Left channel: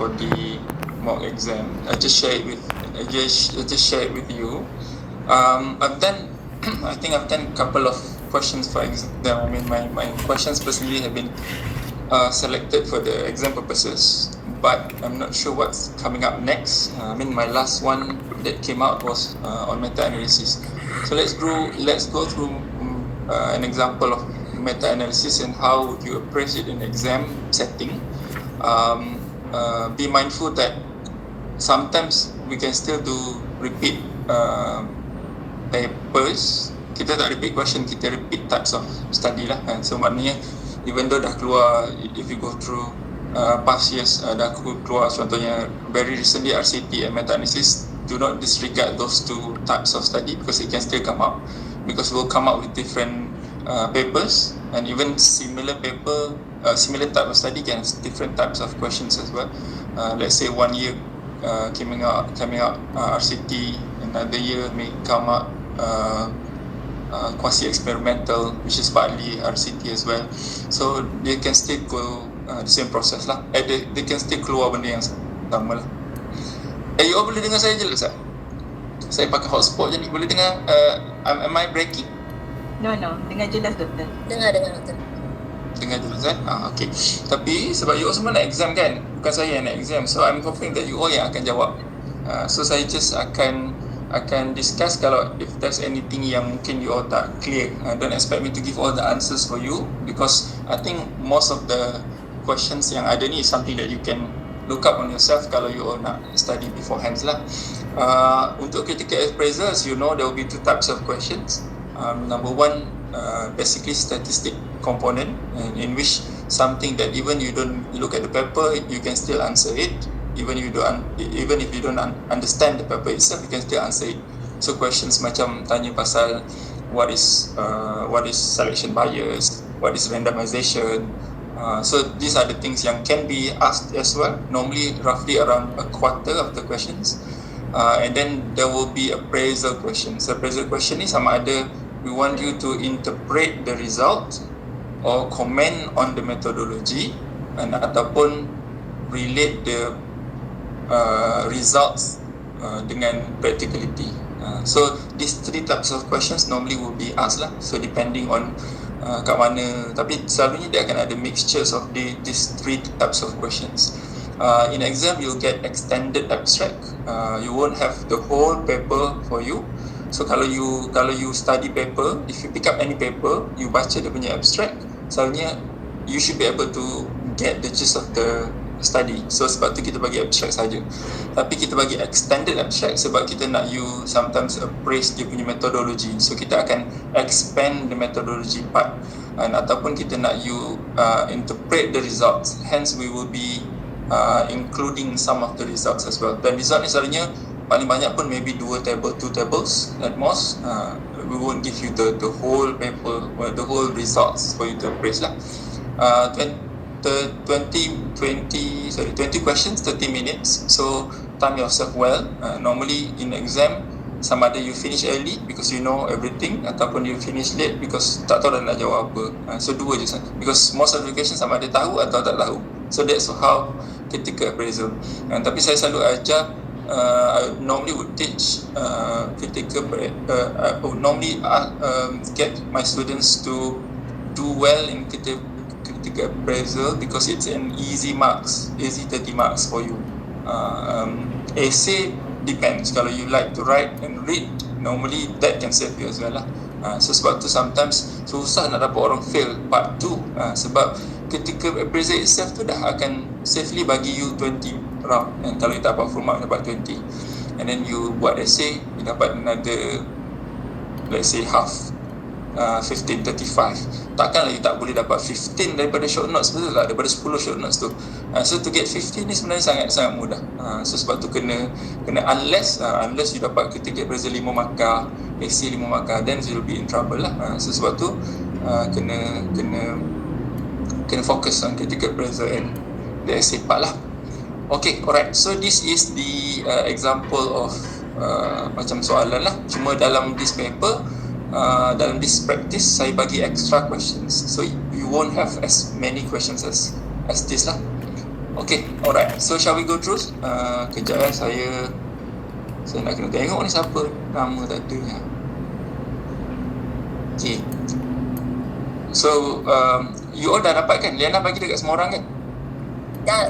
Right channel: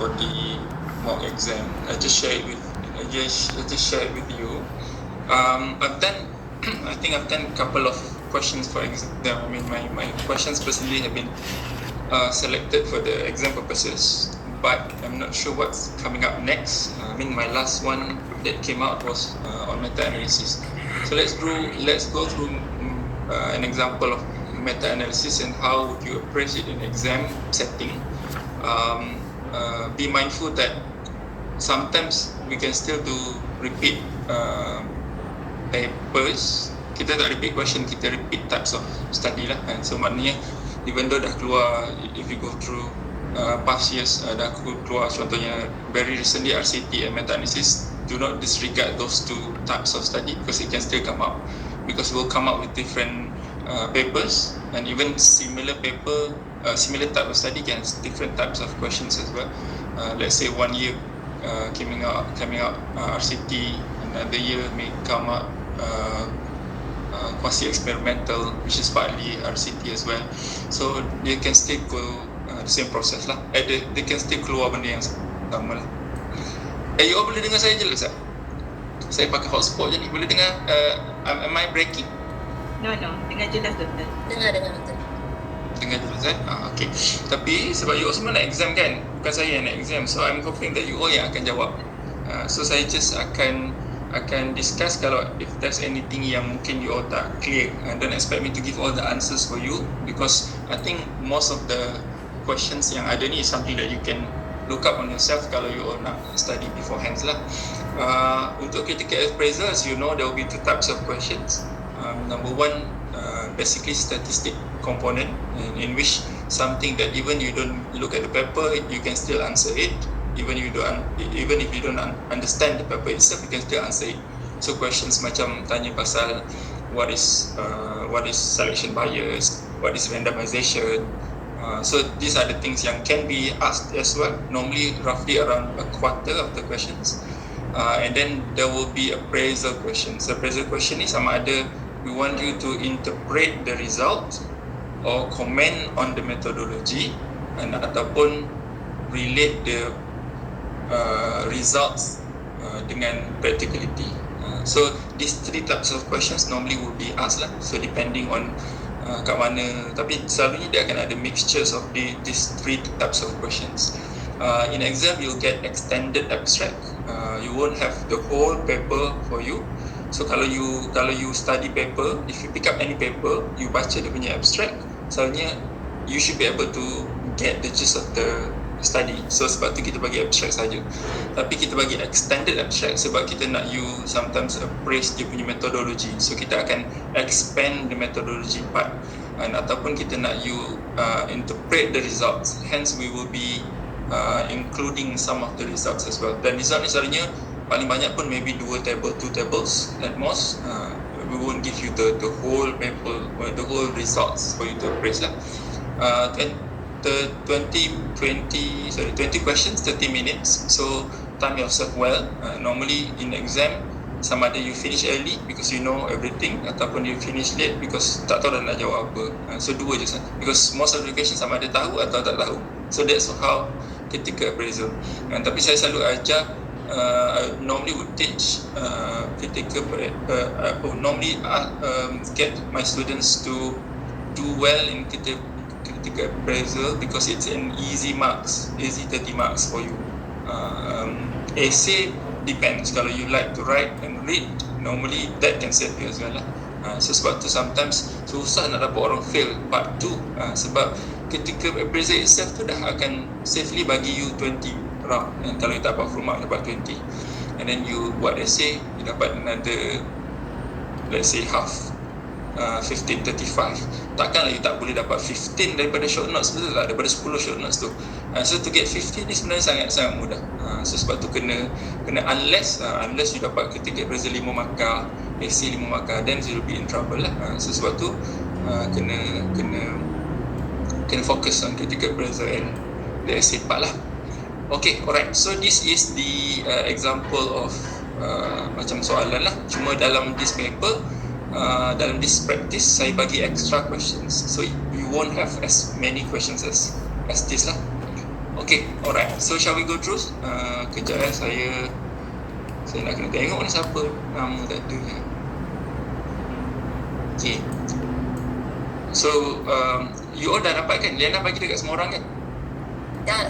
for the mock exam. I just share it with you. I think I've done a couple of questions for exam. I mean, my questions personally have been selected for the exam purposes, but I'm not sure what's coming up next. I mean, my last one that came out was on meta-analysis. So let's go through an example of meta-analysis and how would you appraise it in exam setting. Be mindful that sometimes we can still do repeat papers. Kita tak repeat question, kita repeat types of study lah kan. So maknanya even though dah keluar, if you go through past years, dah keluar contohnya very recently RCT and meta-analysis, do not disregard those two types of study because it can still come up, because we'll come up with different papers, and even similar paper, similar type of study can have different types of questions as well. Let's say 1 year coming out RCT, another year may come up quasi-experimental, which is partly RCT as well. So they can still go the same process lah. They can still keluar benda yang sama lah. You all boleh dengar saya jelas tak? Saya pakai hotspot je ni, boleh dengar? Am I breaking? No, dengar jelas doktor. Dengar doktor. Dengar jelas kan? Okay. Tapi sebab you all semua nak exam kan? Bukan saya yang nak exam. So I'm hoping that you all yang akan jawab. So saya just akan discuss kalau if there's anything yang mungkin you all tak clear. Don't expect me to give all the answers for you, because I think most of the questions yang ada ni is something that you can look up on yourself kalau you all nak study beforehand lah. Untuk critical appraisal, as you know, there will be two types of questions. Number one, basically statistic component, in which something that even you don't look at the paper, you can still answer it. Even if you don't understand the paper itself, you can still answer it. So questions macam tanya pasal what is selection bias, what is randomization. So these are the things yang can be asked as well. Normally roughly around a quarter of the questions. And then there will be appraisal questions. Appraisal question ni sama ada we want you to interpret the result or comment on the methodology, and ataupun relate the results dengan practicality. So these three types of questions normally will be asked lah. So depending on kat mana, tapi selalunya dia akan ada mixtures of these three types of questions. In exam you'll get extended abstract. You won't have the whole paper for you. So kalau you study paper, if you pick up any paper, you baca dia punya abstract, selalunya you should be able to get the gist of the study. So sebab tu kita bagi abstract saja. Tapi kita bagi extended abstract sebab kita nak you sometimes appraise dia punya methodology. So kita akan expand the methodology part, ataupun kita nak you interpret the results. Hence we will be including some of the results as well. Dan result ni selalunya paling banyak pun maybe 2 tables at most. We won't give you the whole paper or the whole results for you to appraise lah. 20 questions, 30 minutes. So time yourself well. Normally in exam, sama ada you finish early because you know everything, ataupun you finish late because tak tahu dah nak jawab apa. So dua je saja, because most of the questions sama ada tahu atau tak tahu. So that's how critical appraisal. Tapi saya selalu ajar, I normally would teach critical normally get my students to do well in critical appraisal because it's an easy 30 marks for you. Essay depends. Kalau you like to write and read, normally that can save you as well lah. So sebab tu sometimes susah nak dapat orang fail part 2, sebab critical appraisal itself tu dah akan safely bagi you 20 round, and kalau you tak dapat full mark dapat 20, and then you buat essay, you dapat another, let's say half, 15, 35. Takkanlah you tak boleh dapat 15 daripada short notes, betul tak? Daripada 10 short notes tu. So to get 15 ni sebenarnya sangat mudah. So sebab tu kena unless you dapat critical appraisal 5 markah, essay 5 markah, then you will be in trouble lah. So sebab tu kena focus on critical appraisal and the essay part lah. Okay, alright. So this is the example of macam soalan lah. Cuma dalam this paper, dalam this practice, saya bagi extra questions. So you won't have as many questions as this lah. Okay, alright. So shall we go through? Kejap saya nak kena tengok ni siapa nama tak ada. Okay. So you all dah dapat kan? Liana bagi dekat semua orang kan? Dah.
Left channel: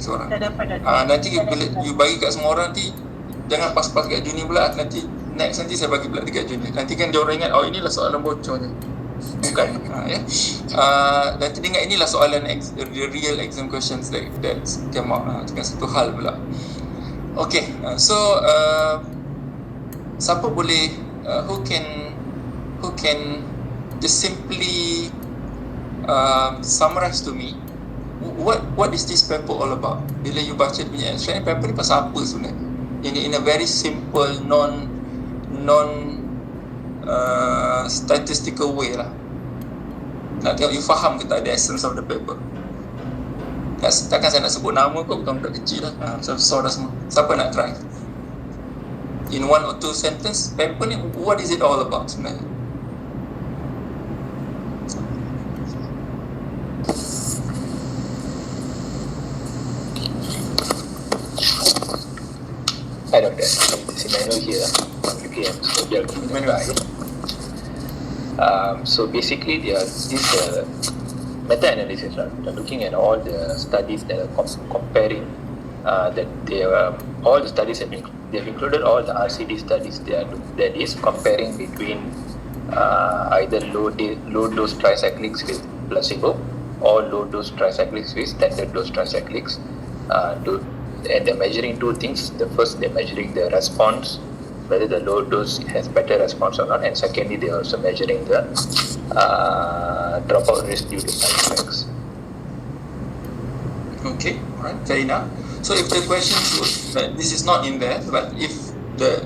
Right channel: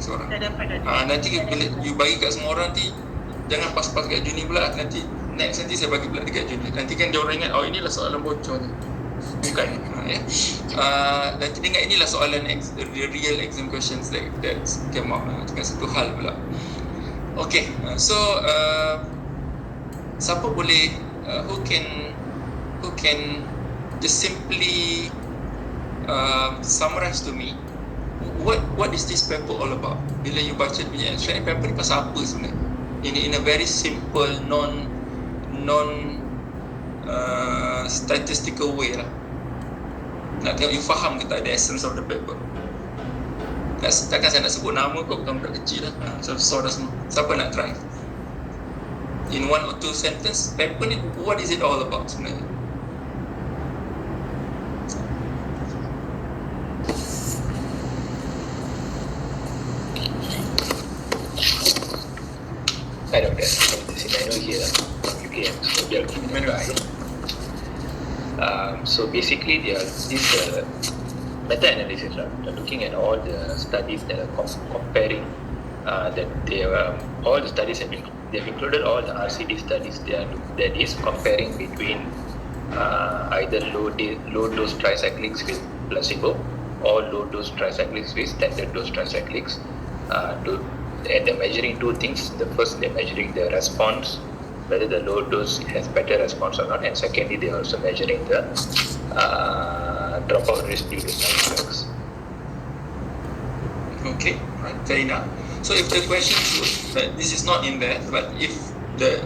Seorang. Dah dapat Nanti bila you bagi kat semua orang nanti jangan pas-pas kat junior pula. Nanti next nanti saya bagi pula dekat junior. Nanti kan dia orang ingat inilah soalan bocor ni. Bukan. Ya. Nanti dia ingat inilah soalan the real exam questions that came out. Bukan satu hal pula. Okay. So siapa boleh who can just simply summarize to me what is this paper all about? Bila you baca punya abstract, paper ni pasal apa sebenarnya? In a very simple non statistical way lah. Nak tengok you faham ke tak the essence of the paper. Takkan saya nak sebut nama kok, bukan kecil lah. So dah semua. Siapa nak try? In 1 or 2 sentence, paper ni what is it all about sebenarnya? Hi Doctor, this is Manuel here from UKM. So they are giving so basically this meta-analysis, right? They're looking at all the studies that are comparing that they all the studies they've included all the RCD studies that is comparing between either low dose tricyclics with placebo or low dose tricyclics with standard dose tricyclics. And they're measuring two things. The first, they're measuring the response, whether the low dose has better response or not, and secondly, they're also measuring the dropout risk due to side effects. Okay, right, fair enough. So if the question this is not in there, but if the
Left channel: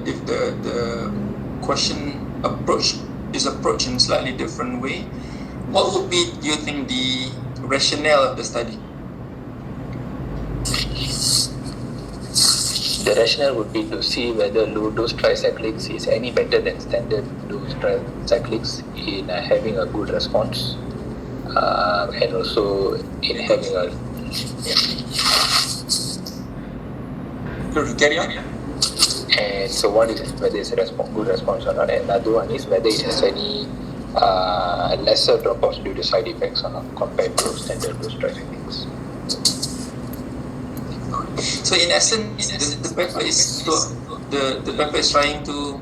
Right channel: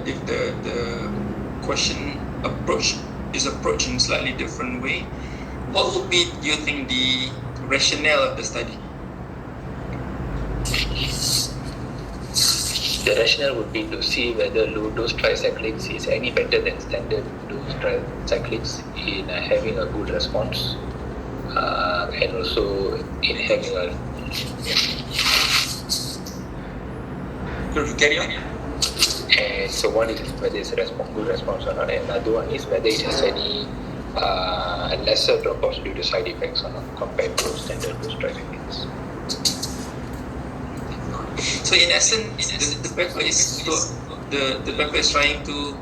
question is approached in a slightly different way, what would be, do you think, the rationale of the study? The rationale would be to see whether low dose tricyclics is any better than standard dose tricyclics in having a good response, and also in having a Carry on. And so one is whether it's a good response or not, and another one is whether it has any lesser dropouts due to side effects or not compared to standard dose tricyclics. So in essence, the paper is the paper is trying to,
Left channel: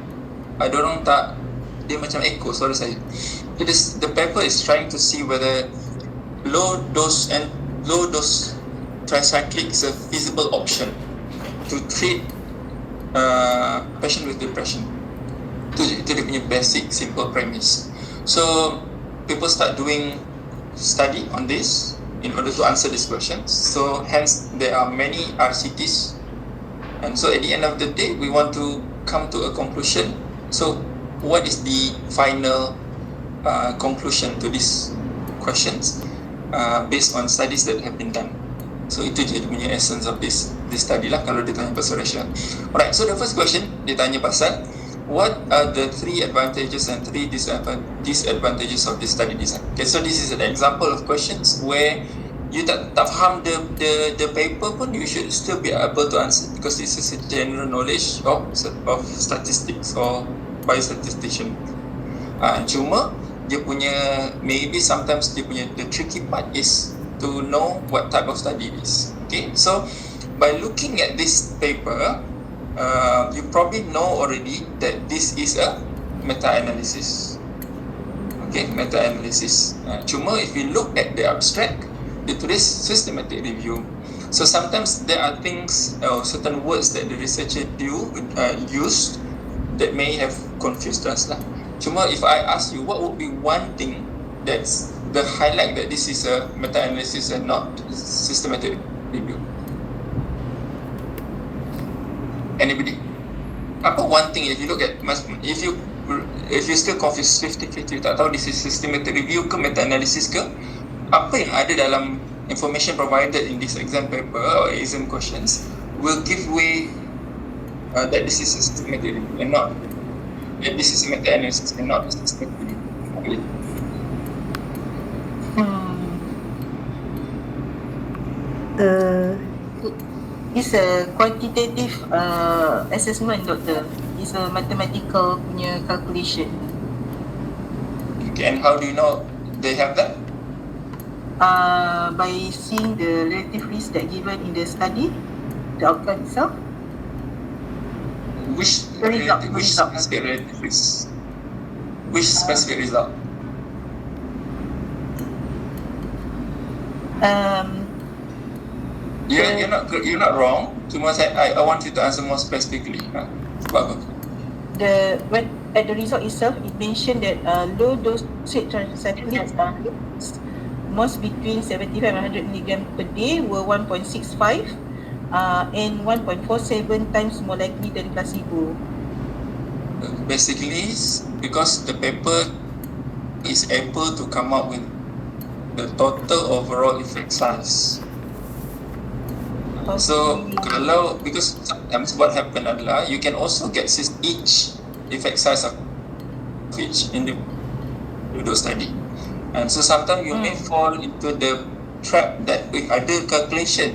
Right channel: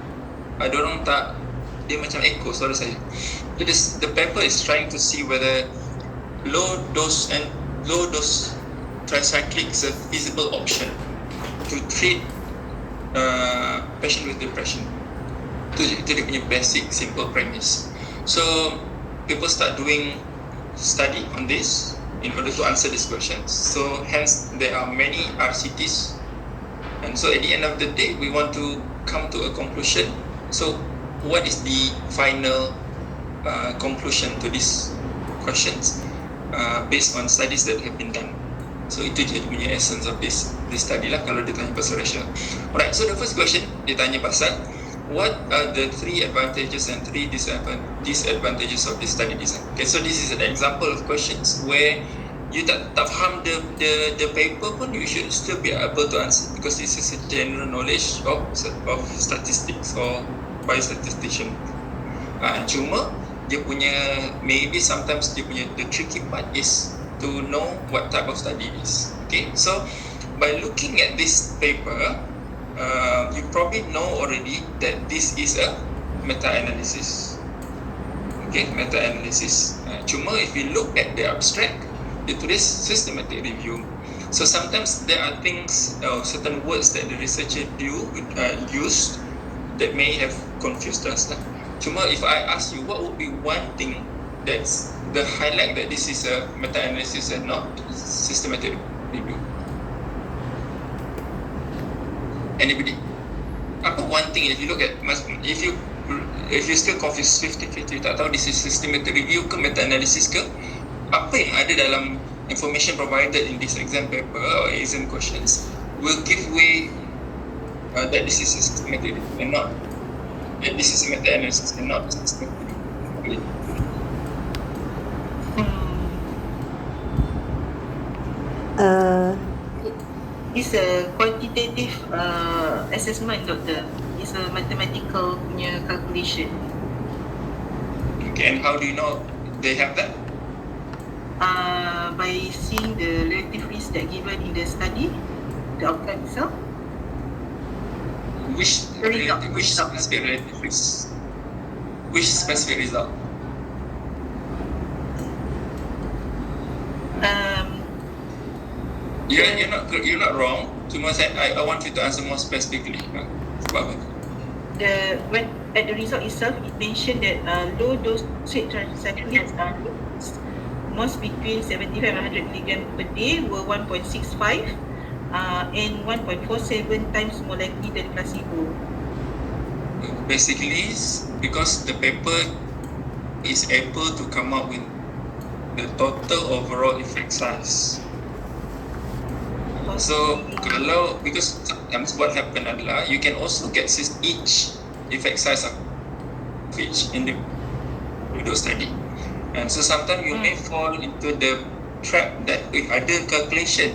I don't know tak, dia macam echo, sorry saya. The paper is trying to see whether low dose tricyclic is a feasible option to treat patient with depression. Itu dia punya basic simple premise. So people start doing study on this in order to answer this question. So hence there are many RCTs, and so at the end of the day we want to come to a conclusion. So what is the final conclusion to these questions based on studies that have been done? So itu je dia punya essence of this study lah kalau dia tanya pasal rationale. Alright, so the first question dia tanya pasal what are the 3 advantages and 3 disadvantages of this study design? Okay, so this is an example of questions where you tak faham the paper pun you should still be able to answer, because this is a general knowledge of statistics or biostatistician. Cuma dia punya, maybe sometimes dia punya, the tricky part is to know what type of study it is. Okay, so by looking at this paper, you probably know already that this is a meta-analysis. Okay, meta-analysis. Cuma if you look at the abstract, dia tulis systematic review. So sometimes there are things or certain words that the researcher used that may have confused us lah. Cuma if I ask you, what would be one thing that's the highlight that this is a meta-analysis and not systematic review? Anybody? Apa one thing if you look at, if you still confused 50-50, tak tahu this is systematic review ke meta-analysis ke, apa yang ada dalam information provided in this exam paper or exam questions will give way that this is systematic review and not that this is meta-analysis and not systematic review. It's a quantitative assessment, doctor. It's a mathematical punya calculation. Okay, and how do you know they have that? By seeing the relative risk that given in the study, the outcome itself. Which The result, the which result. specific relative risk? Which specific result? You're not wrong. Cuma I want you to answer more specifically. Sebab apa? When at the result itself, it mentioned that low dosage tricyclics most between 75 and 100 milligram per day were 1.65 and 1.47 times more likely than placebo. Basically, because the paper is able to come up with the total overall effect size. So kalau, because sometimes what happen adalah you can also get each effect size of each individual study, and so sometimes you may fall into the trap that ada calculation.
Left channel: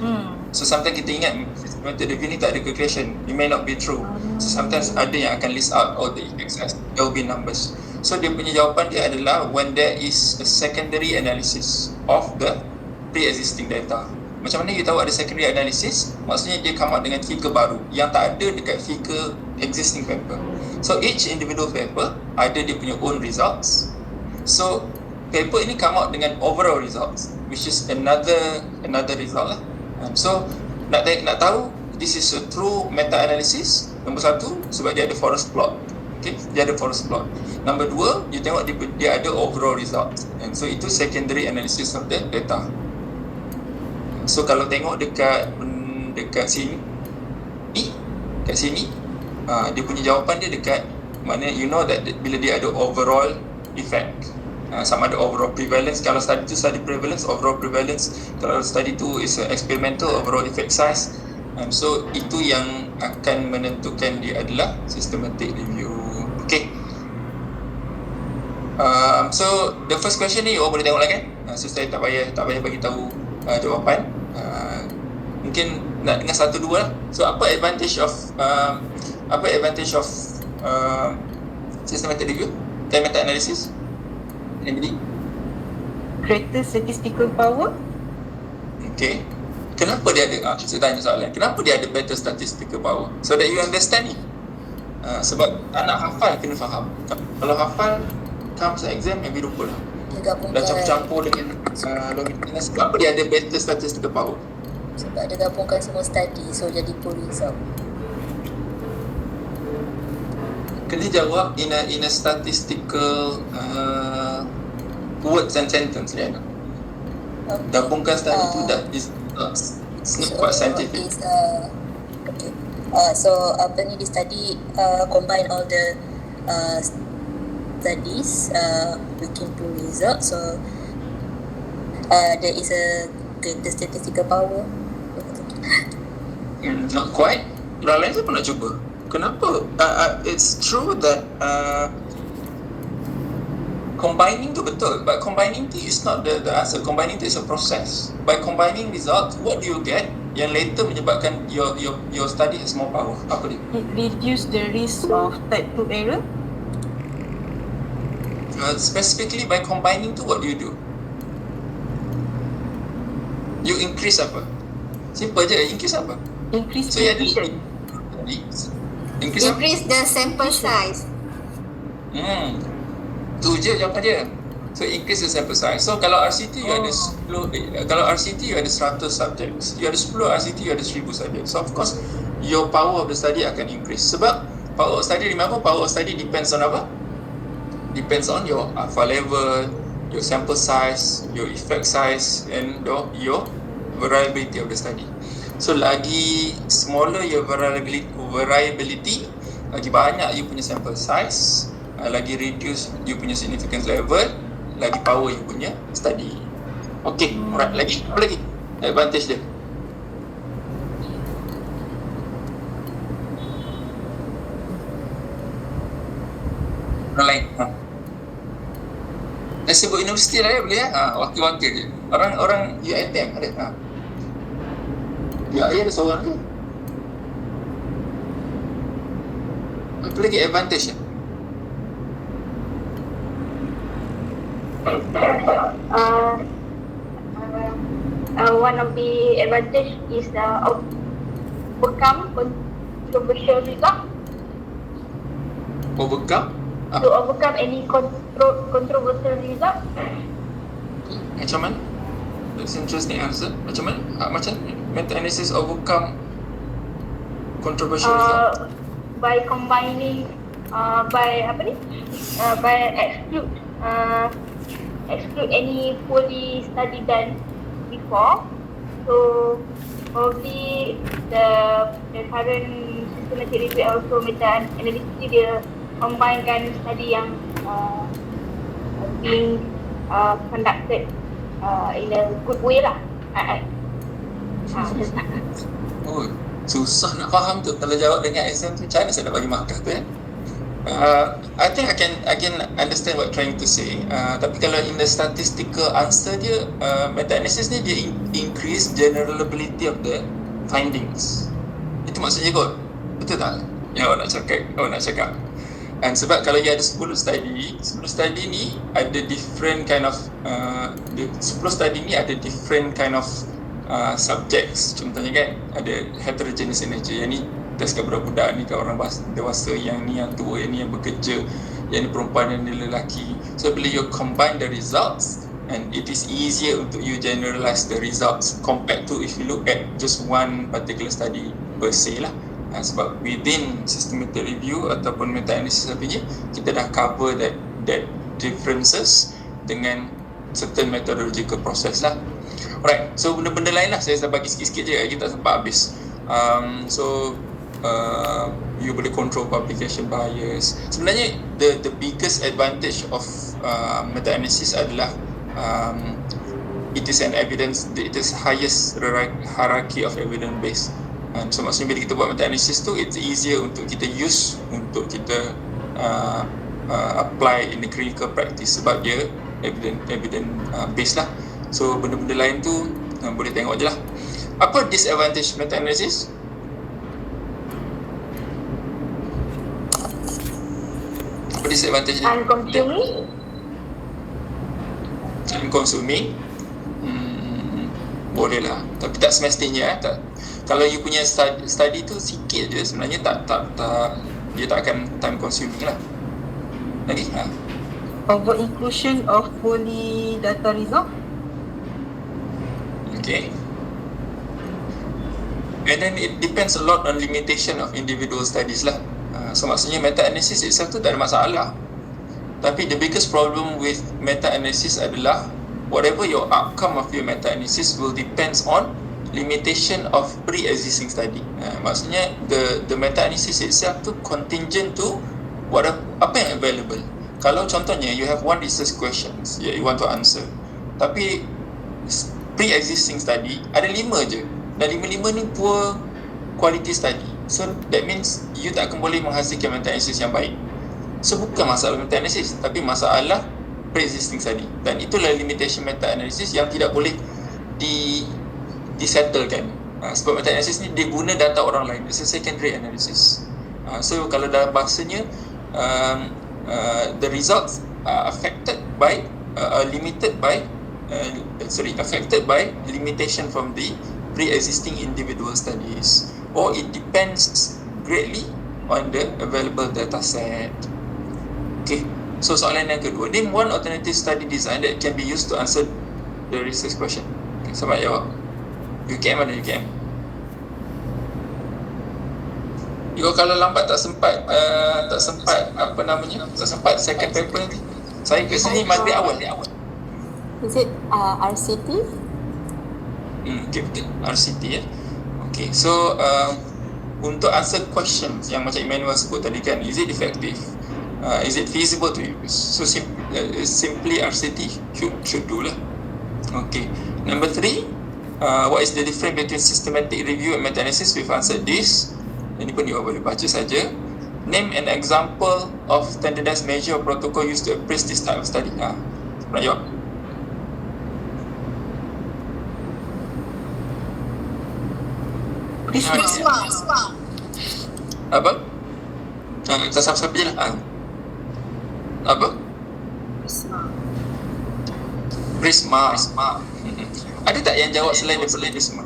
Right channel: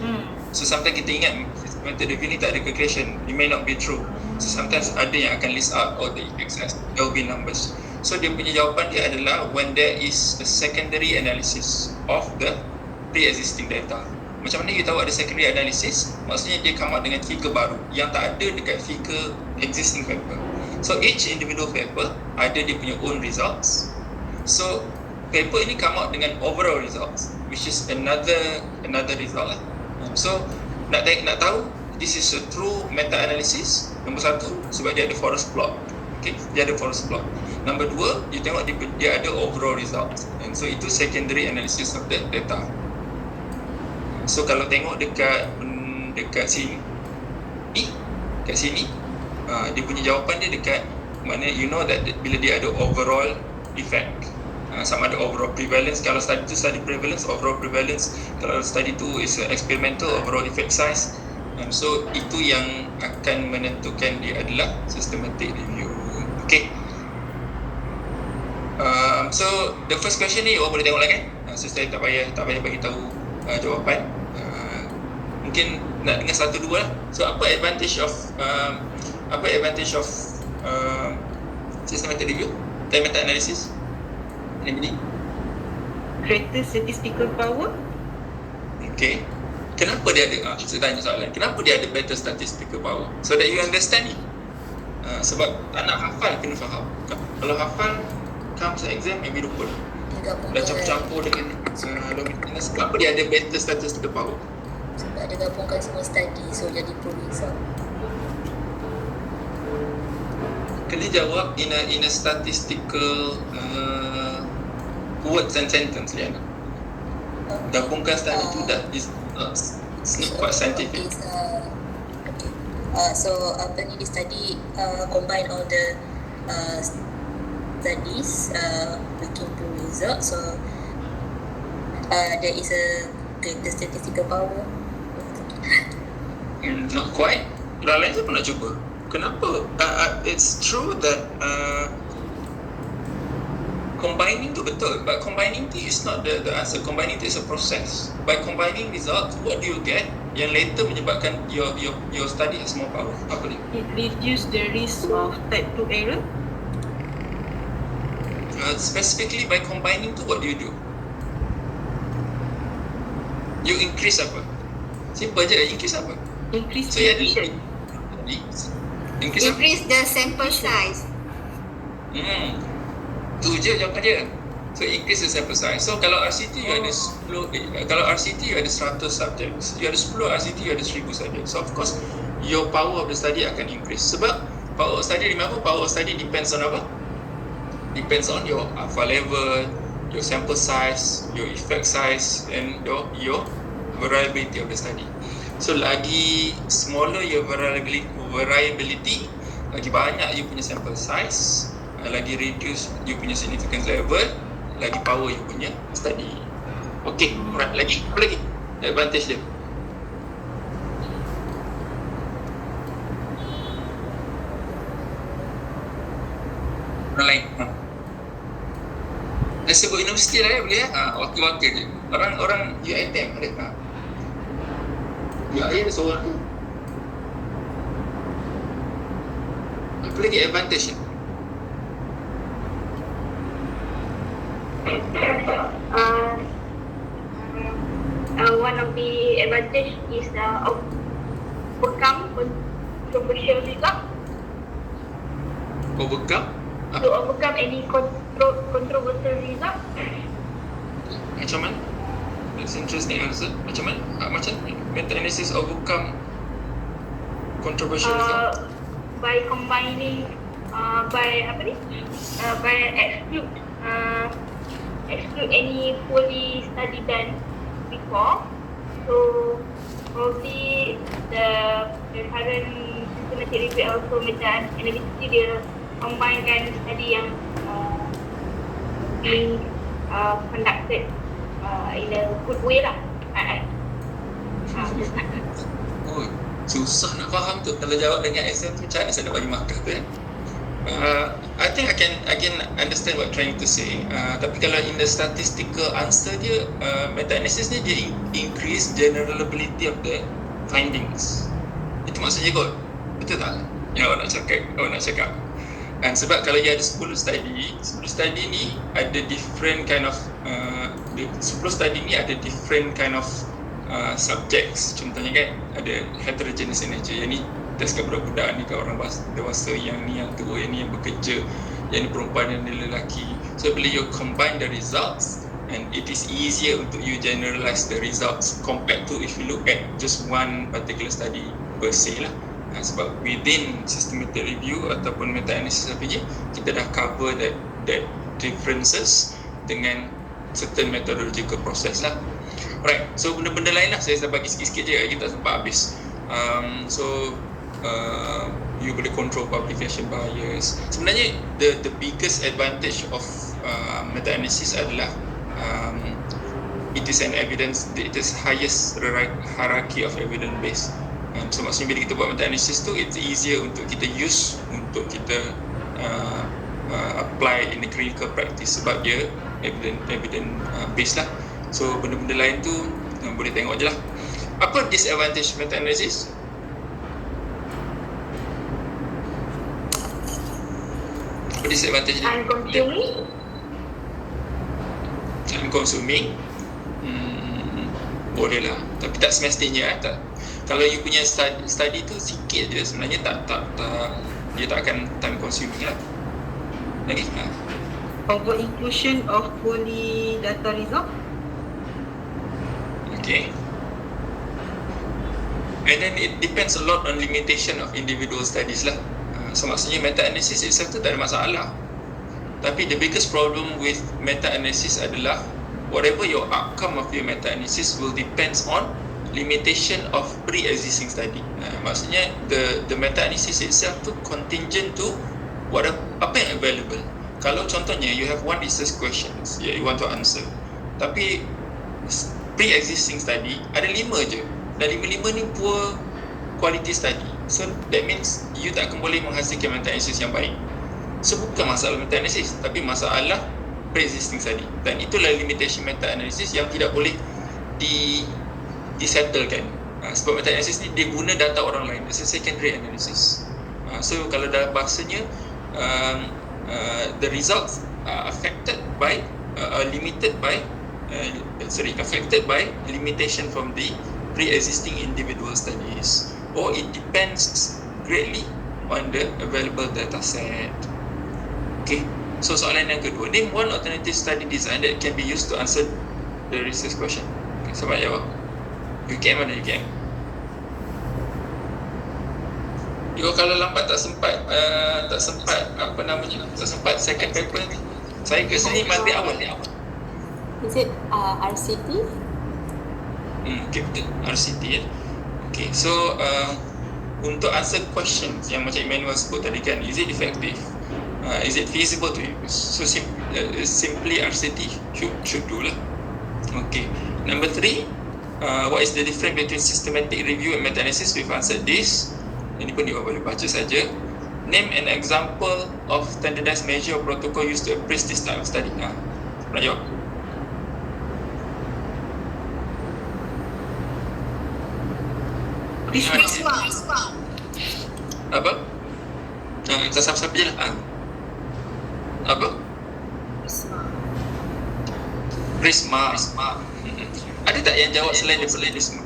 So sometimes kita ingat method review ni tak ada calculation, it may not be true. So sometimes ada yang akan list out all the effect size, there will be numbers. So dia punya jawapan dia adalah when there is a secondary analysis of the pre-existing data. Macam mana you tahu ada secondary analysis? Maksudnya dia come out dengan figure baru yang tak ada dekat figure existing paper. So each individual paper ada dia punya own results. So paper ini come out dengan overall results, which is another result lah. So nak tahu this is a true meta-analysis. Nombor satu, sebab dia ada forest plot. Okay, dia ada forest plot. Nombor dua, you tengok dia ada overall results. And so itu secondary analysis of the data. So kalau tengok dekat sini, kat sini, dia punya jawapan dia dekat mana you know that bila dia ada overall effect, sama ada overall prevalence. Kalau study tu study prevalence, overall prevalence. Kalau study tu is experimental, overall effect size. So itu yang akan menentukan dia adalah systematic review. Okay. So the first question ni boleh tengok lah kan. So saya tak payah bagi tahu jawapan. Mungkin nak dengar satu dua lah. So apa advantage of systematic review dan meta analysis? Anybody? Greater statistical power. Okay. Kenapa dia ada? Saya tanya soalan. Kenapa dia ada better statistical power? So that you understand it. Sebab tak nak hafal kena faham. Kalau hafal comes exam maybe lupa lah. Dah campur-campur dengan sebab apa dia ada better statistical power? Sebab dia gabungkan semua study, so jadi full result. Kena jawab in a statistical words and sentence Liana. Gabungkan study tu dah it's not quite scientific. So apa ni, di study combine all the studies looking to result, so there is a greater statistical power. Not quite. Orang lain saya pun nak cuba. Kenapa? It's true that combining tu betul, but combining tu is not the answer. Combining tu is a process. By combining results, what do you get? Yang later menyebabkan your study has more power. Apa dia? It reduce the risk of type 2 error. Specifically by combining tu, what do? You increase apa? Simple je, increase apa? Increase So you ada precision. increase apa? Increase the sample size. Tu je jawapan dia. So increase the sample size. So kalau RCT you ada 10, kalau RCT you ada 100 subjects, you ada 10 RCT you ada 1000 subjects. So of course your power of the study akan increase. Sebab power of study, remember power of study depends on apa? Depends on your alpha level, your sample size, your effect size and your variability of the study. So lagi smaller your variability, lagi banyak you punya sample size, lagi reduce you punya significance level, lagi power you punya study. Okay, alright, lagi apa lagi advantage dia? Orang lain. Dah sebut universiti lah ya, boleh ya? Wakil-wakil je. Orang UiTM ada. Ya, ada seorang tu. Apa lagi advantage ya? One of the advantage is overcome controversial result. Overcome? To overcome any controversial result. Macam mana? That's interesting answer. Macam mana? Macam meta-analysis overcome controversial result? By combining, by exclude any poorly study done before. So probably the current systematic review also meta-analysis dia combine study yang being conducted in a good way lah. Oh, susah nak faham tu. Kalau jawab dengan exam tu, macam mana saya nak bagi markah tu I think I can understand what trying to say. Tapi kalau in the statistical answer dia, meta-analysis ni dia increase generalizability of the findings. Itu maksudnya kot. Betul tak? Yang awak nak cakap. And sebab kalau you ada 10 study ni ada different kind of 10 study ni ada different kind of subjects. Contohnya kan ada heterogeneous in nature. Yang ni test kat budak-budak, ni kat orang dewasa, yang ni yang tua, yang ni yang bekerja, yang ni perempuan, yang ni lelaki. So bila you combine the results, and it is easier untuk you generalize the results compared to if you look at just one particular study per se lah. Sebab within systematic review ataupun meta-analysis apa je, kita dah cover that differences dengan certain methodological process lah. Alright, so benda-benda lain lah saya dah bagi sikit-sikit je, kita tak sempat habis. You boleh control publication bias. Sebenarnya the biggest advantage of meta-analysis adalah it is an evidence, it is highest hierarchy of evidence base. So maksudnya bila kita buat meta-analysis tu, it's easier untuk kita use, untuk kita apply in the clinical practice sebab dia evidence base lah. So benda-benda lain tu boleh tengok je lah. Apa disadvantage meta-analysis? Apa disadvantage dia? Time-consuming. Boleh lah, tapi tak semestinya tak. Kalau you punya study tu sikit je, sebenarnya tak dia tak akan time consuming lah. Lagi? Over inclusion of poorly data result. Okay. And then it depends a lot on limitation of individual studies lah. So maksudnya meta-analysis itself tu tak ada masalah. Tapi the biggest problem with meta-analysis adalah whatever your outcome of your meta-analysis will depends on limitation of pre-existing study. Maksudnya the meta-analysis itself tu contingent to apa yang available. Kalau contohnya you have one research questions you want to answer, tapi pre-existing study ada 5 je, dan 5 ni poor quality study. So that means you tak akan boleh menghasilkan meta-analysis yang baik. So bukan masalah meta-analysis, tapi masalah pre-existing study. Dan itulah limitation meta-analysis yang tidak boleh disettlekan. Sebab meta-analysis ni dia guna data orang lain. It's a secondary analysis. So kalau dalam bahasanya the results are affected by affected by limitation from the pre-existing individual studies, or it depends greatly on the available data set. Okay, so soalan yang kedua, name one alternative study design that can be used to answer the research question. Okay, siapa jawab? UKM mana UKM? You kalau lambat tak sempat second paper nanti. Saya ke sini Monday awal. Is it RCT? Okay, betul. RCT ya. Okay, so untuk answer questions yang macam Emmanuel sebut tadi kan, is it effective? Is it feasible to use? So simply RCT should do lah. Okay, number 3, what is the difference between systematic review and meta-analysis? We've answered this. Ini pun you boleh baca saja. Name an example of standardized measure or protocol used to appraise this type of study. Nak jawab? Prisma. Apa? Kita siapa-siapa je lah. Apa? Prisma. Ada tak yang jawab selain daripada Prisma?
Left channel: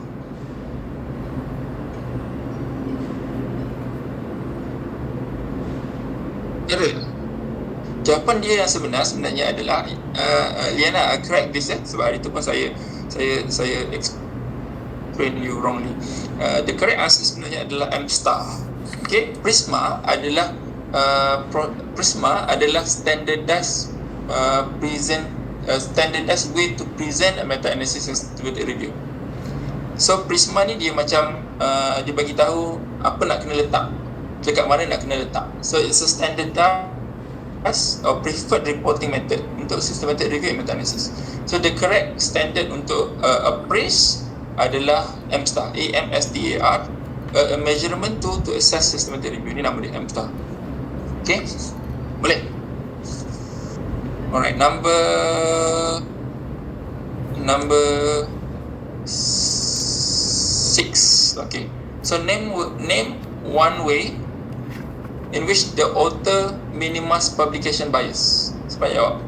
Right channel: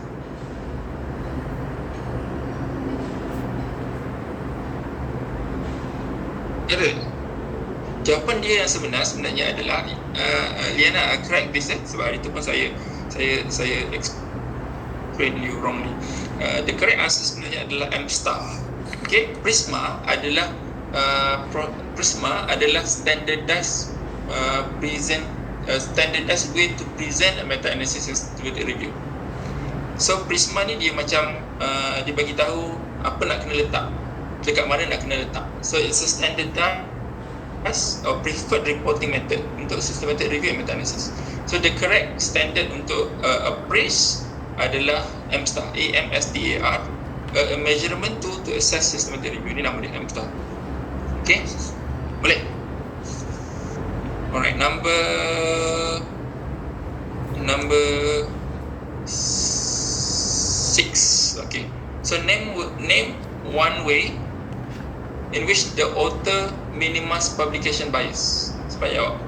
Ada. Jawapan dia yang sebenarnya adalah Liana, correct this sebab hari tu pun saya explain you wrongly. The correct answer sebenarnya adalah M star. Okay, Prisma adalah standardized standardized way to present a meta analysis and systematic review. So Prisma ni dia macam dia bagi tahu apa nak kena letak, dekat mana nak kena letak. So it's a standardized or preferred reporting method untuk systematic review and meta analysis. So the correct standard untuk appraise adalah M star, AMSTAR, a measurement tool to assess systematic review. Ini nama dia, M star. Okay, boleh? Alright, number 6. Okay, so name one way in which the author minimize publication bias. Cepat jawab.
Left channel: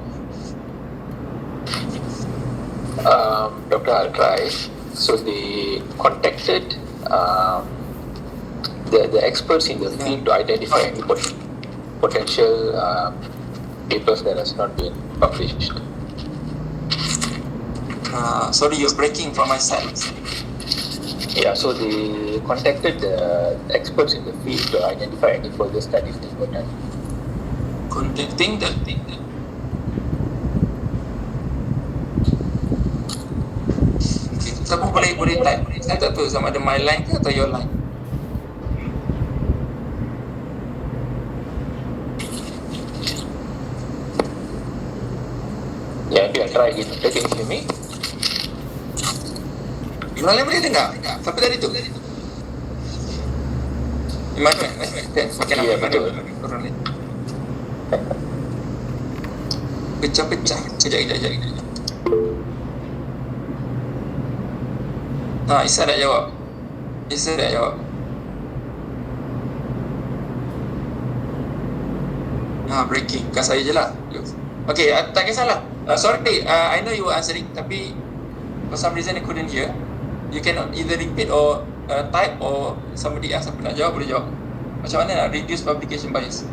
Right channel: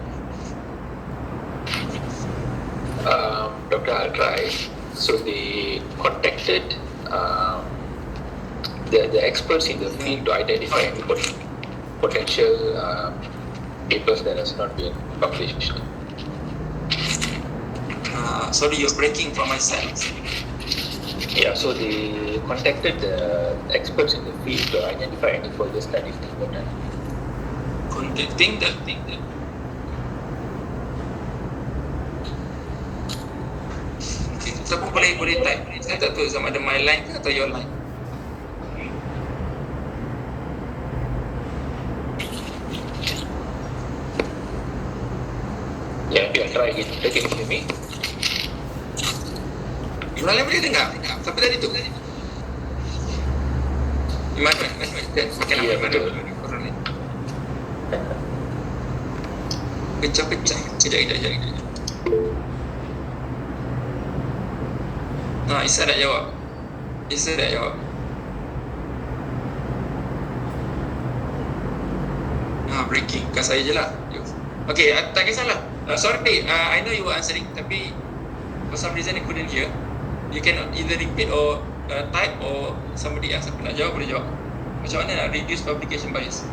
Dr. I'll try. So they contacted the experts in the field to identify any potential papers that has not been published. Sorry, you're breaking from my side. Yeah, so they contacted the experts in the field to identify any further studies that were done. Contacting that thing. Okay, siapa boleh type? Saya tak tahu sama ada my line ke atau your line. Yeah, maybe I'll try again. Can you hear me? Your line boleh dengar? Siapa tadi tu? Mana? Makan Ya, apa? betul. Orang ni. Pecah-pecah. Kejap. Isa nak jawab. Breaking. Bukan saya je lah. Okay, tak kisahlah. Sorry, I know you were answering, tapi for some reason I couldn't hear. You cannot either repeat or type, or somebody else siapa nak jawab boleh jawab. Macam mana nak reduce publication bias?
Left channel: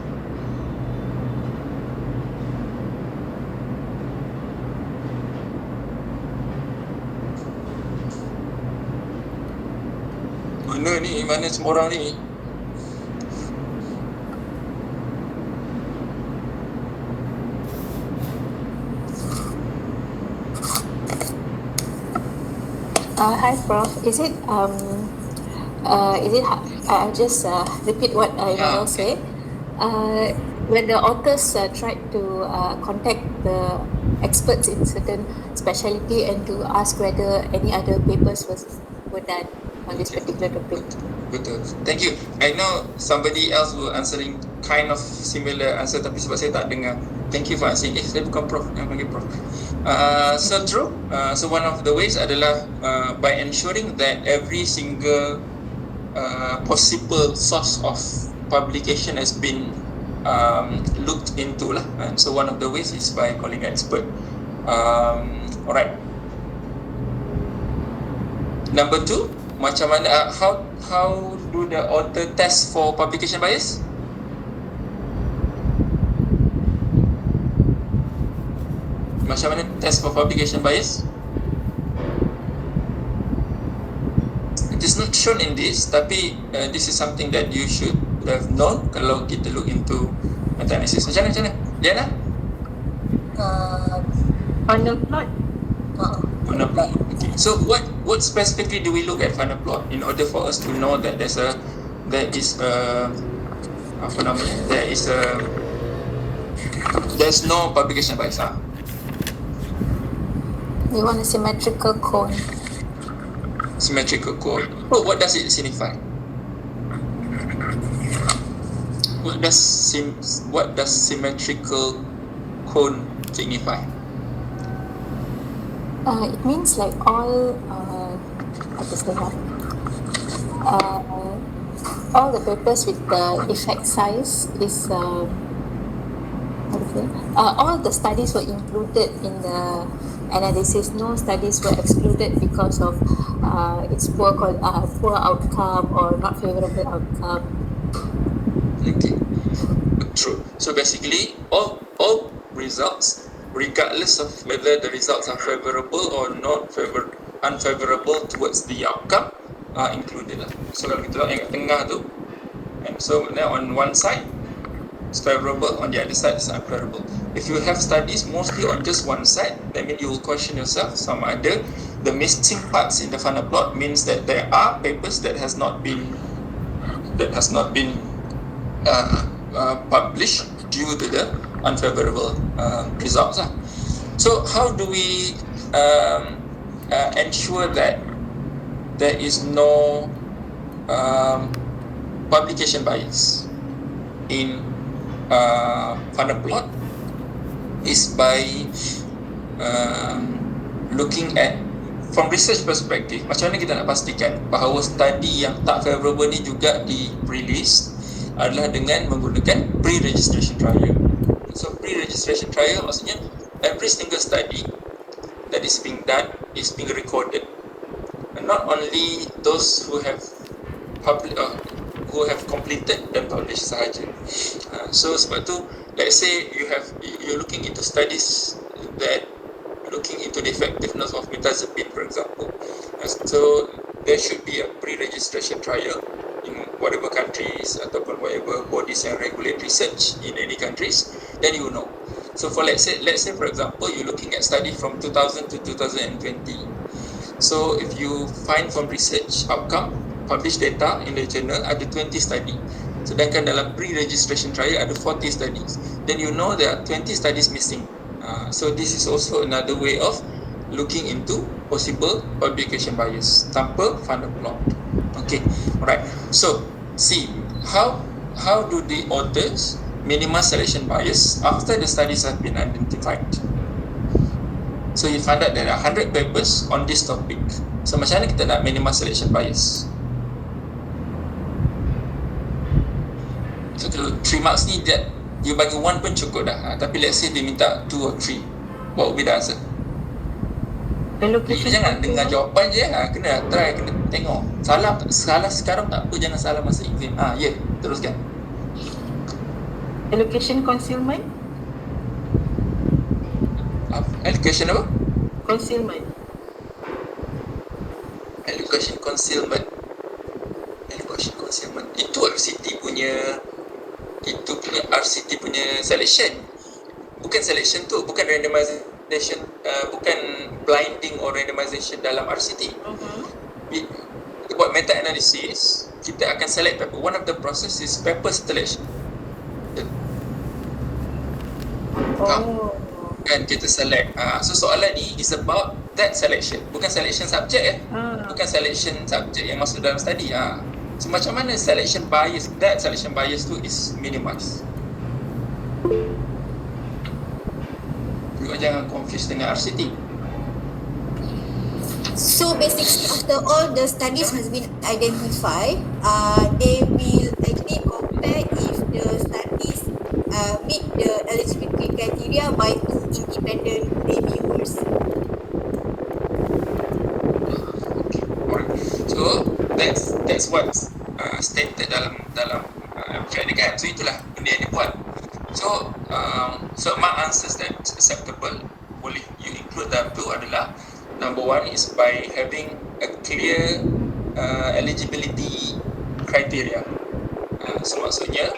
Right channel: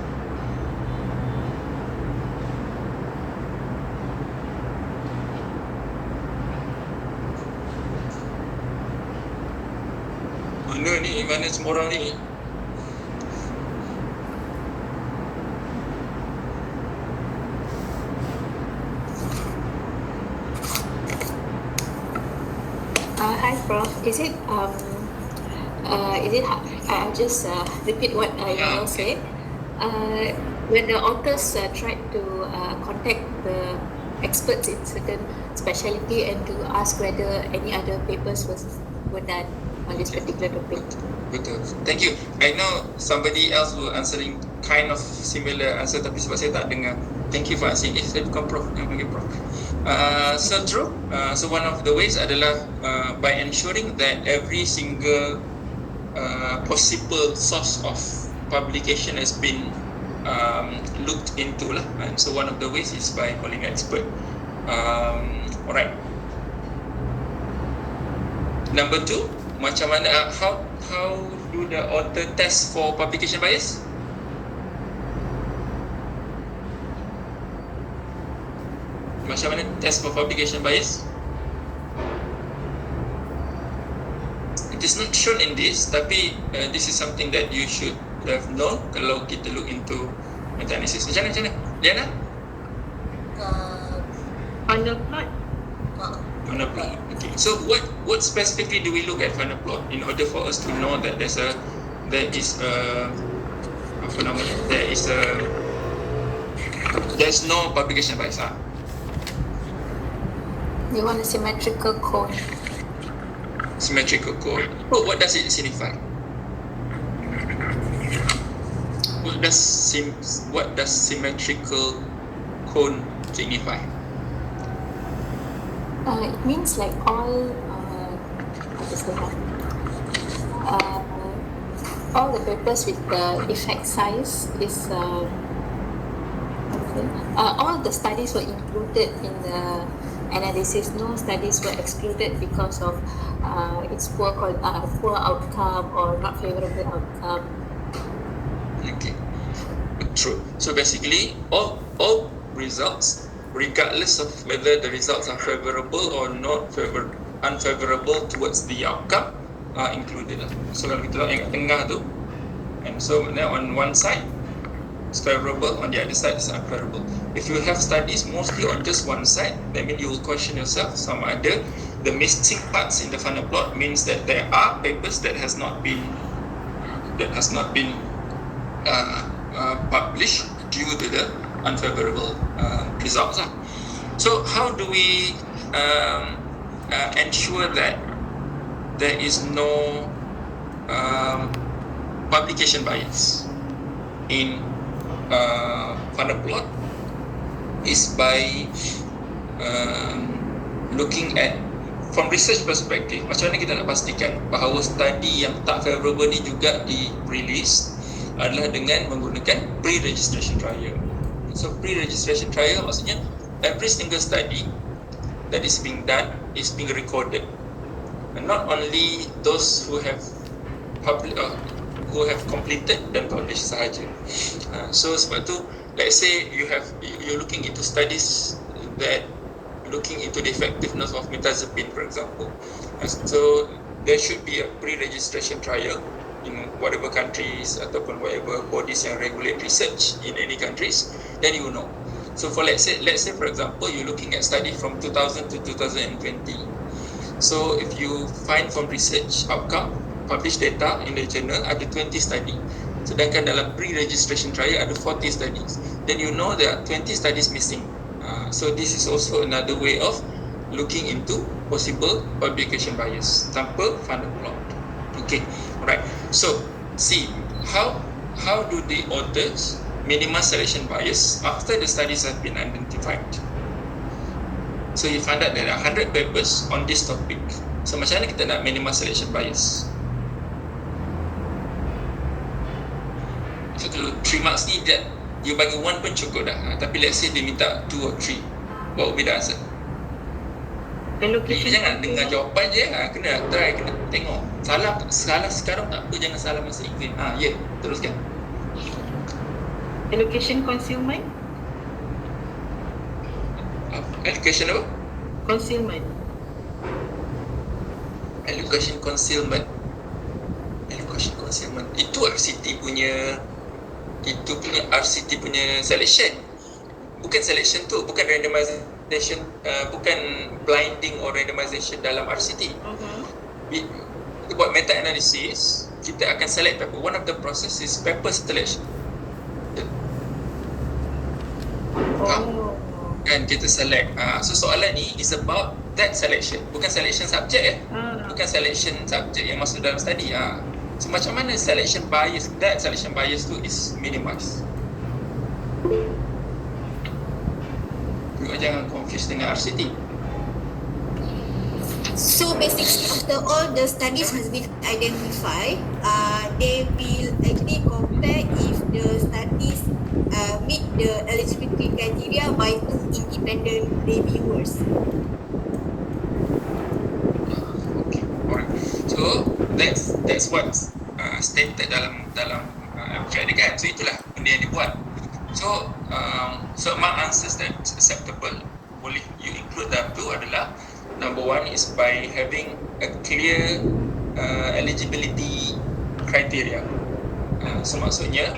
Mana semua orang ni? Hi, Prof. Is it I'll just repeat what Immanuel said. When the authors tried to contact the experts in certain specialty and to ask whether any other papers were done on this particular topic. Betul. Thank you. I know somebody else were answering kind of similar answer, tapi sebab saya tak dengar. Thank you for answering. Saya bukan Prof, yang panggil Prof. So true. So one of the ways adalah by ensuring that every single possible source of publication has been looked into lah. And so one of the ways is by calling an expert. Alright. Number 2, macam mana how do the author test for publication bias? Macam mana test for publication bias? It is not shown in this, tapi this is something that you should have known kalau kita look into meta-analysis. Macam mana? Diana? Funnel plot. Funnel plot. Okay. So what specifically do we look at funnel plot in order for us to know that there's no publication bias? They want a symmetrical cone. Symmetrical cone. Oh, what does it signify? What does symmetrical cone signify? It means like all what is the all the papers with the effect size is all the studies were included in the analysis. No studies were excluded because of its poor outcome or not favorable outcome. Okay, true. So basically, all results, regardless of whether the results are favorable or not unfavorable towards the outcome, are included lah. So kalau kita tengok kat tengah tu, and so now on one side it's favorable, on the other side it's unfavorable. If you have studies mostly on just one side, that means you will question yourself some other. The missing parts in the funnel plot means that there are papers that has not been published due to the unfavorable results. So how do we ensure that there is no publication bias in funnel plot? Is by looking at from research perspective, macam mana kita nak pastikan bahawa study yang tak favorable ni juga di-release adalah dengan menggunakan pre-registration trial. So pre-registration trial maksudnya every single study that is being done is being recorded, and not only those who have completed dan published sahaja. So sebab tu, let's say you're looking into studies that looking into the effectiveness of mirtazapine, for example. So there should be a pre-registration trial in whatever countries ataupun whatever bodies yang regulate research in any countries, then you know. So for let's say for example you're looking at study from 2000 to 2020. So if you find from research outcome, published data in the journal ada 20 study, sedangkan dalam pre-registration trial ada 40 studies, then you know there are 20 studies missing. So this is also another way of looking into possible publication bias tanpa funnel plot. Okay, alright. So see how do the authors minimize selection bias after the studies have been identified. So you find out there are 100 papers on this topic. So macam mana kita nak minimize selection bias? So 3 marks ni that you bagi 1 pun cukup dah. Tapi let's say dia minta 2 or 3, what would be the answer? Jangan dengar jawapan je, kena try, kena tengok. Salah sekarang tak apa, jangan salah masa exam. Teruskan. Allocation concealment. Allocation apa? Concealment. Allocation concealment. Itu RCT punya RCT punya selection. Bukan selection tu, bukan randomization, bukan blinding or randomization dalam RCT. Kita buat meta analysis, kita akan select paper. One of the process is paper selection. Kan kita select. So soalan ni is about that selection, bukan selection subject bukan selection subject yang masuk dalam study. So macam mana selection bias, that selection bias tu is minimized. Juga jangan confuse dengan RCT. So basically after all the studies has been identified, they will actually compare if the studies meet the eligibility criteria by 2 independent reviewers. Okay, alright. So that's what's stated dalam abstract dia kan. So itulah benda yang dia buat. So among answers that acceptable, boleh you include dalam tu adalah number 1 is by having a clear eligibility criteria. So maksudnya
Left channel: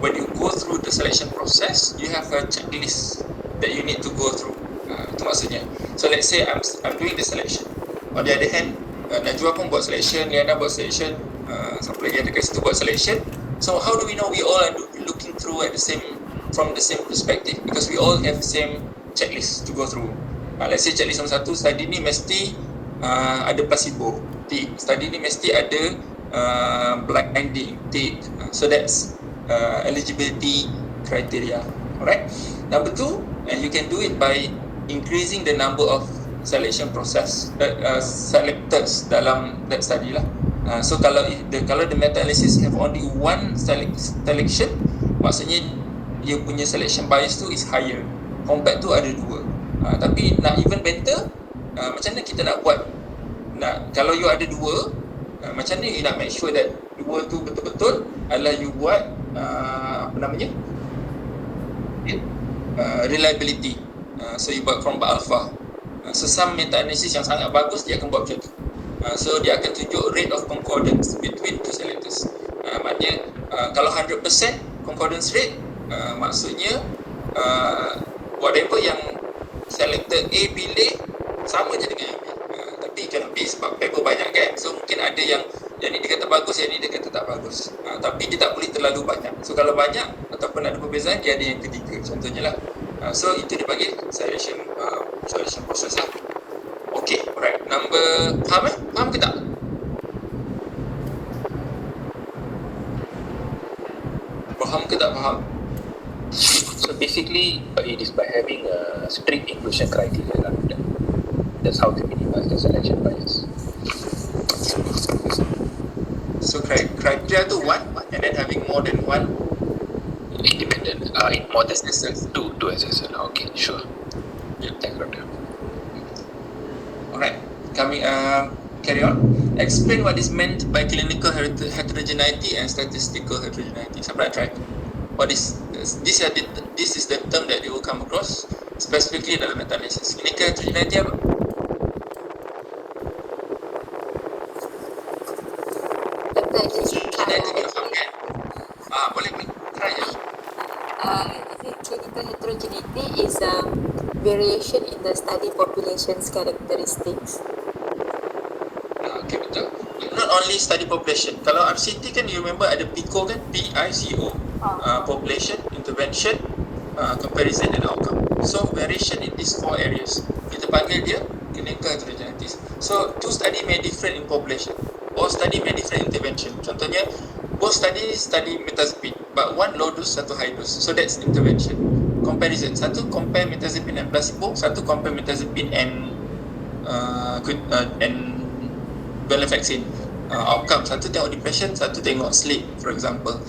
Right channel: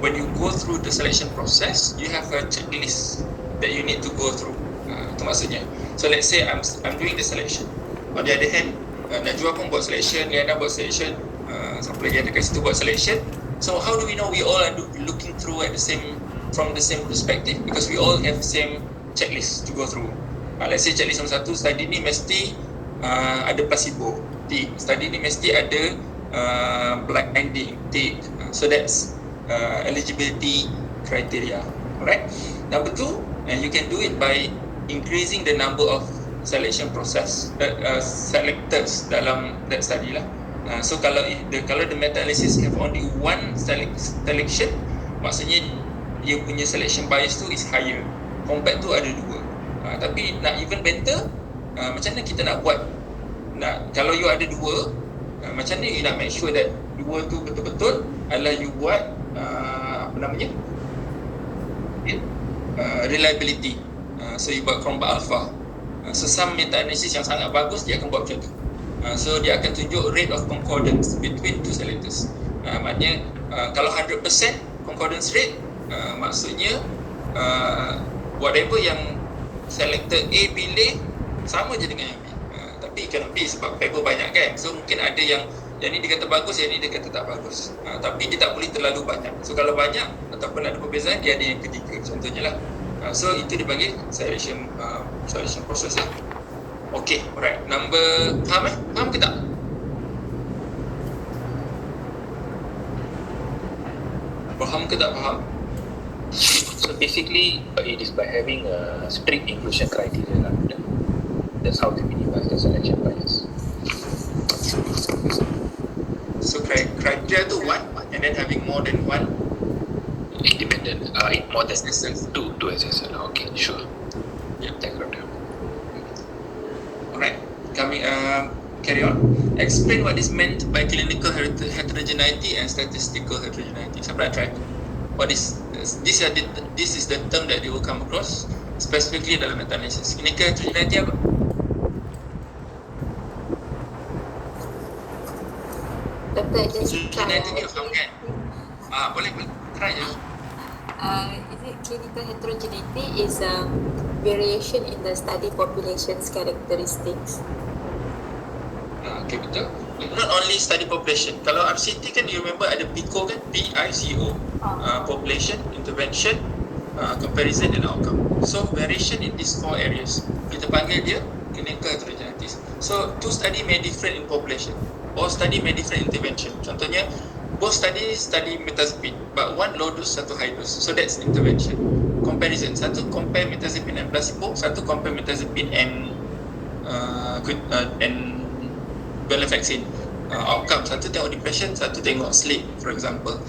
when you go through the selection process, you have a checklist that you need to go through. Itu maksudnya. So let's say I'm doing the selection. On the other hand, Najwa pun buat selection, Liana buat selection, siapa lagi ada kat situ buat selection. So how do we know we all are looking through from the same perspective? Because we all have the same checklist to go through. Let's say checklist nombor 1, study ni mesti ada placebo, tick. Study ni mesti ada blinding, tick. So that's eligibility criteria. Alright. Number 2, and you can do it by increasing the number of selection process selectors dalam that study lah. So kalau the meta-analysis have only one selection, maksudnya dia punya selection bias tu is higher compared tu ada dua. Tapi nak even better, macam mana kita nak buat? Kalau you ada dua, macam mana you nak make sure that dua tu betul-betul adalah you buat reliability. So you buat Chromba Alpha. So some meta-analysis yang sangat bagus dia akan buat macam tu. So dia akan tunjuk rate of concordance between two selectors. Maknanya kalau 100% concordance rate, maksudnya whatever yang selector A pilih sama je dengan yang B. Tapi cannot be sebab paper banyak kan. So mungkin ada yang ni dia kata bagus, yang ni dia kata tak bagus. Tapi dia tak boleh terlalu banyak. So kalau banyak ataupun ada perbezaan, dia ada yang ketiga contohnya lah. So itu dia panggil selection process lah. Okay, alright. Faham ke tak? Faham ke tak faham? So basically, it is by having a strict inclusion criteria lah. That's how to minimize the selection bias. So criteria tu one, and then having more than one Independent, more than two SSL. Okay, sure. Yeah. Thanks, Doctor. Alright, carry on. Explain what is meant by clinical heterogeneity and statistical heterogeneity. Siapa nak try? What is this is the term that you will come across specifically dalam meta-analysis. Clinical heterogeneity apa? Doctor, I just Heterogeneity you faham kan? Boleh try je. clinical heterogeneity is a variation in the study population's characteristics. Okay, betul. Not only study population. Kalau RCT kan, you remember ada PICO kan? PICO. Population, intervention, comparison and outcome. So variation in these four areas, kita panggil dia clinical heterogeneity. So two study may different in population. Both study may different intervention. Contohnya, both study mirtazapine, but one low dose, satu high dose. So that's intervention. Comparison, satu compare mirtazapine and placebo, satu compare mirtazapine and venlafaxine. Outcome, satu tengok depression, satu tengok sleep, for example.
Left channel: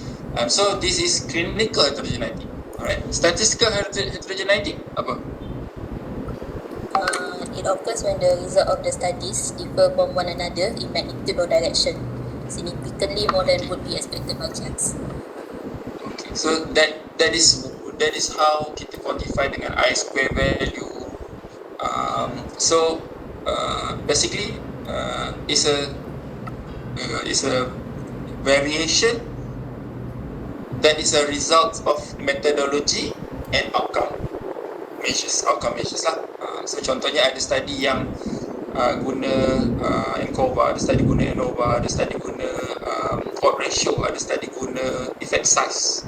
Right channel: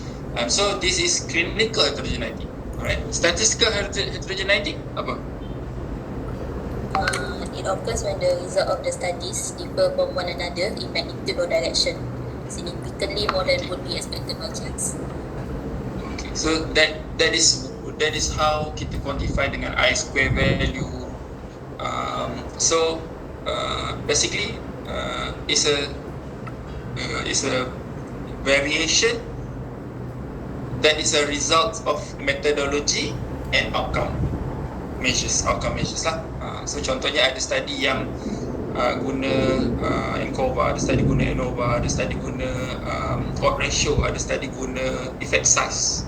So this is clinical heterogeneity. Alright. Statistical heterogeneity apa? It occurs when the result of the studies differ from one another in magnitude or direction, significantly more than would be expected by chance. Okay. So that is how kita quantify dengan I-square value. Basically is a variation that is a result of methodology and outcome measures lah. So contohnya ada study yang guna ANCOVA, ada study guna ANOVA, ada study guna odds ratio, ada study guna effect size,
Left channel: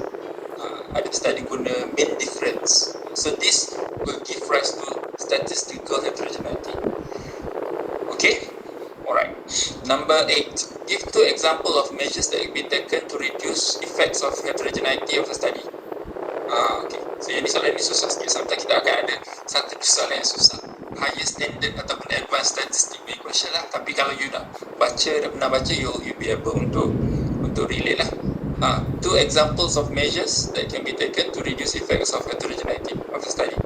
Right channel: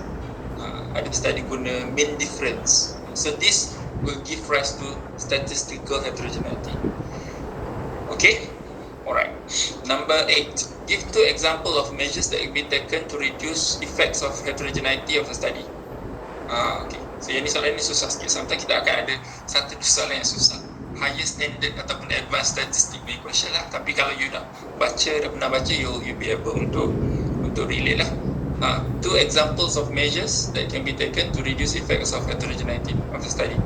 ada study guna mean difference. So this will give rise to statistical heterogeneity. Okay? Alright. Number 8. Give 2 examples of measures that will be taken to reduce effects of heterogeneity of the study. Okay. So yang ni soalan ni susah sikit. Sometimes kita akan ada satu soalan yang susah. Higher standard ataupun advanced statistic punya question lah. Tapi kalau you dah pernah baca, you'll be able untuk relate lah. 2 examples of measures that can be taken to reduce effects of heterogeneity of the study.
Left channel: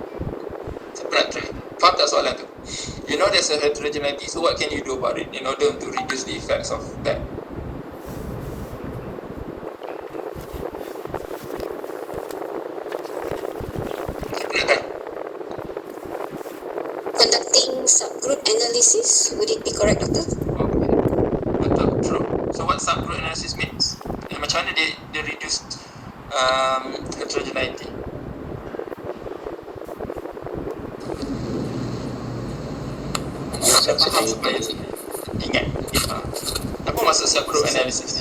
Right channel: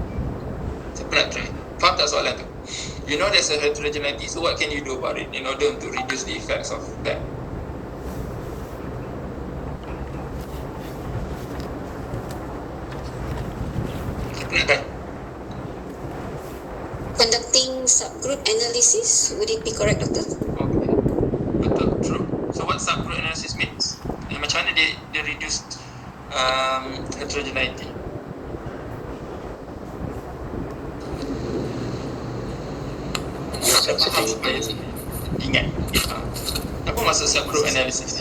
Siapa nak try? Faham tak soalan tu? You know there's a heterogeneity, so what can you do about it in order to reduce the effects of that? Conducting subgroup analysis, would it be correct, Doctor? Okay. Betul, true. So what subgroup analysis means? Macam mana dia reduce heterogeneity? Ingat. Apa maksud subgroup analysis?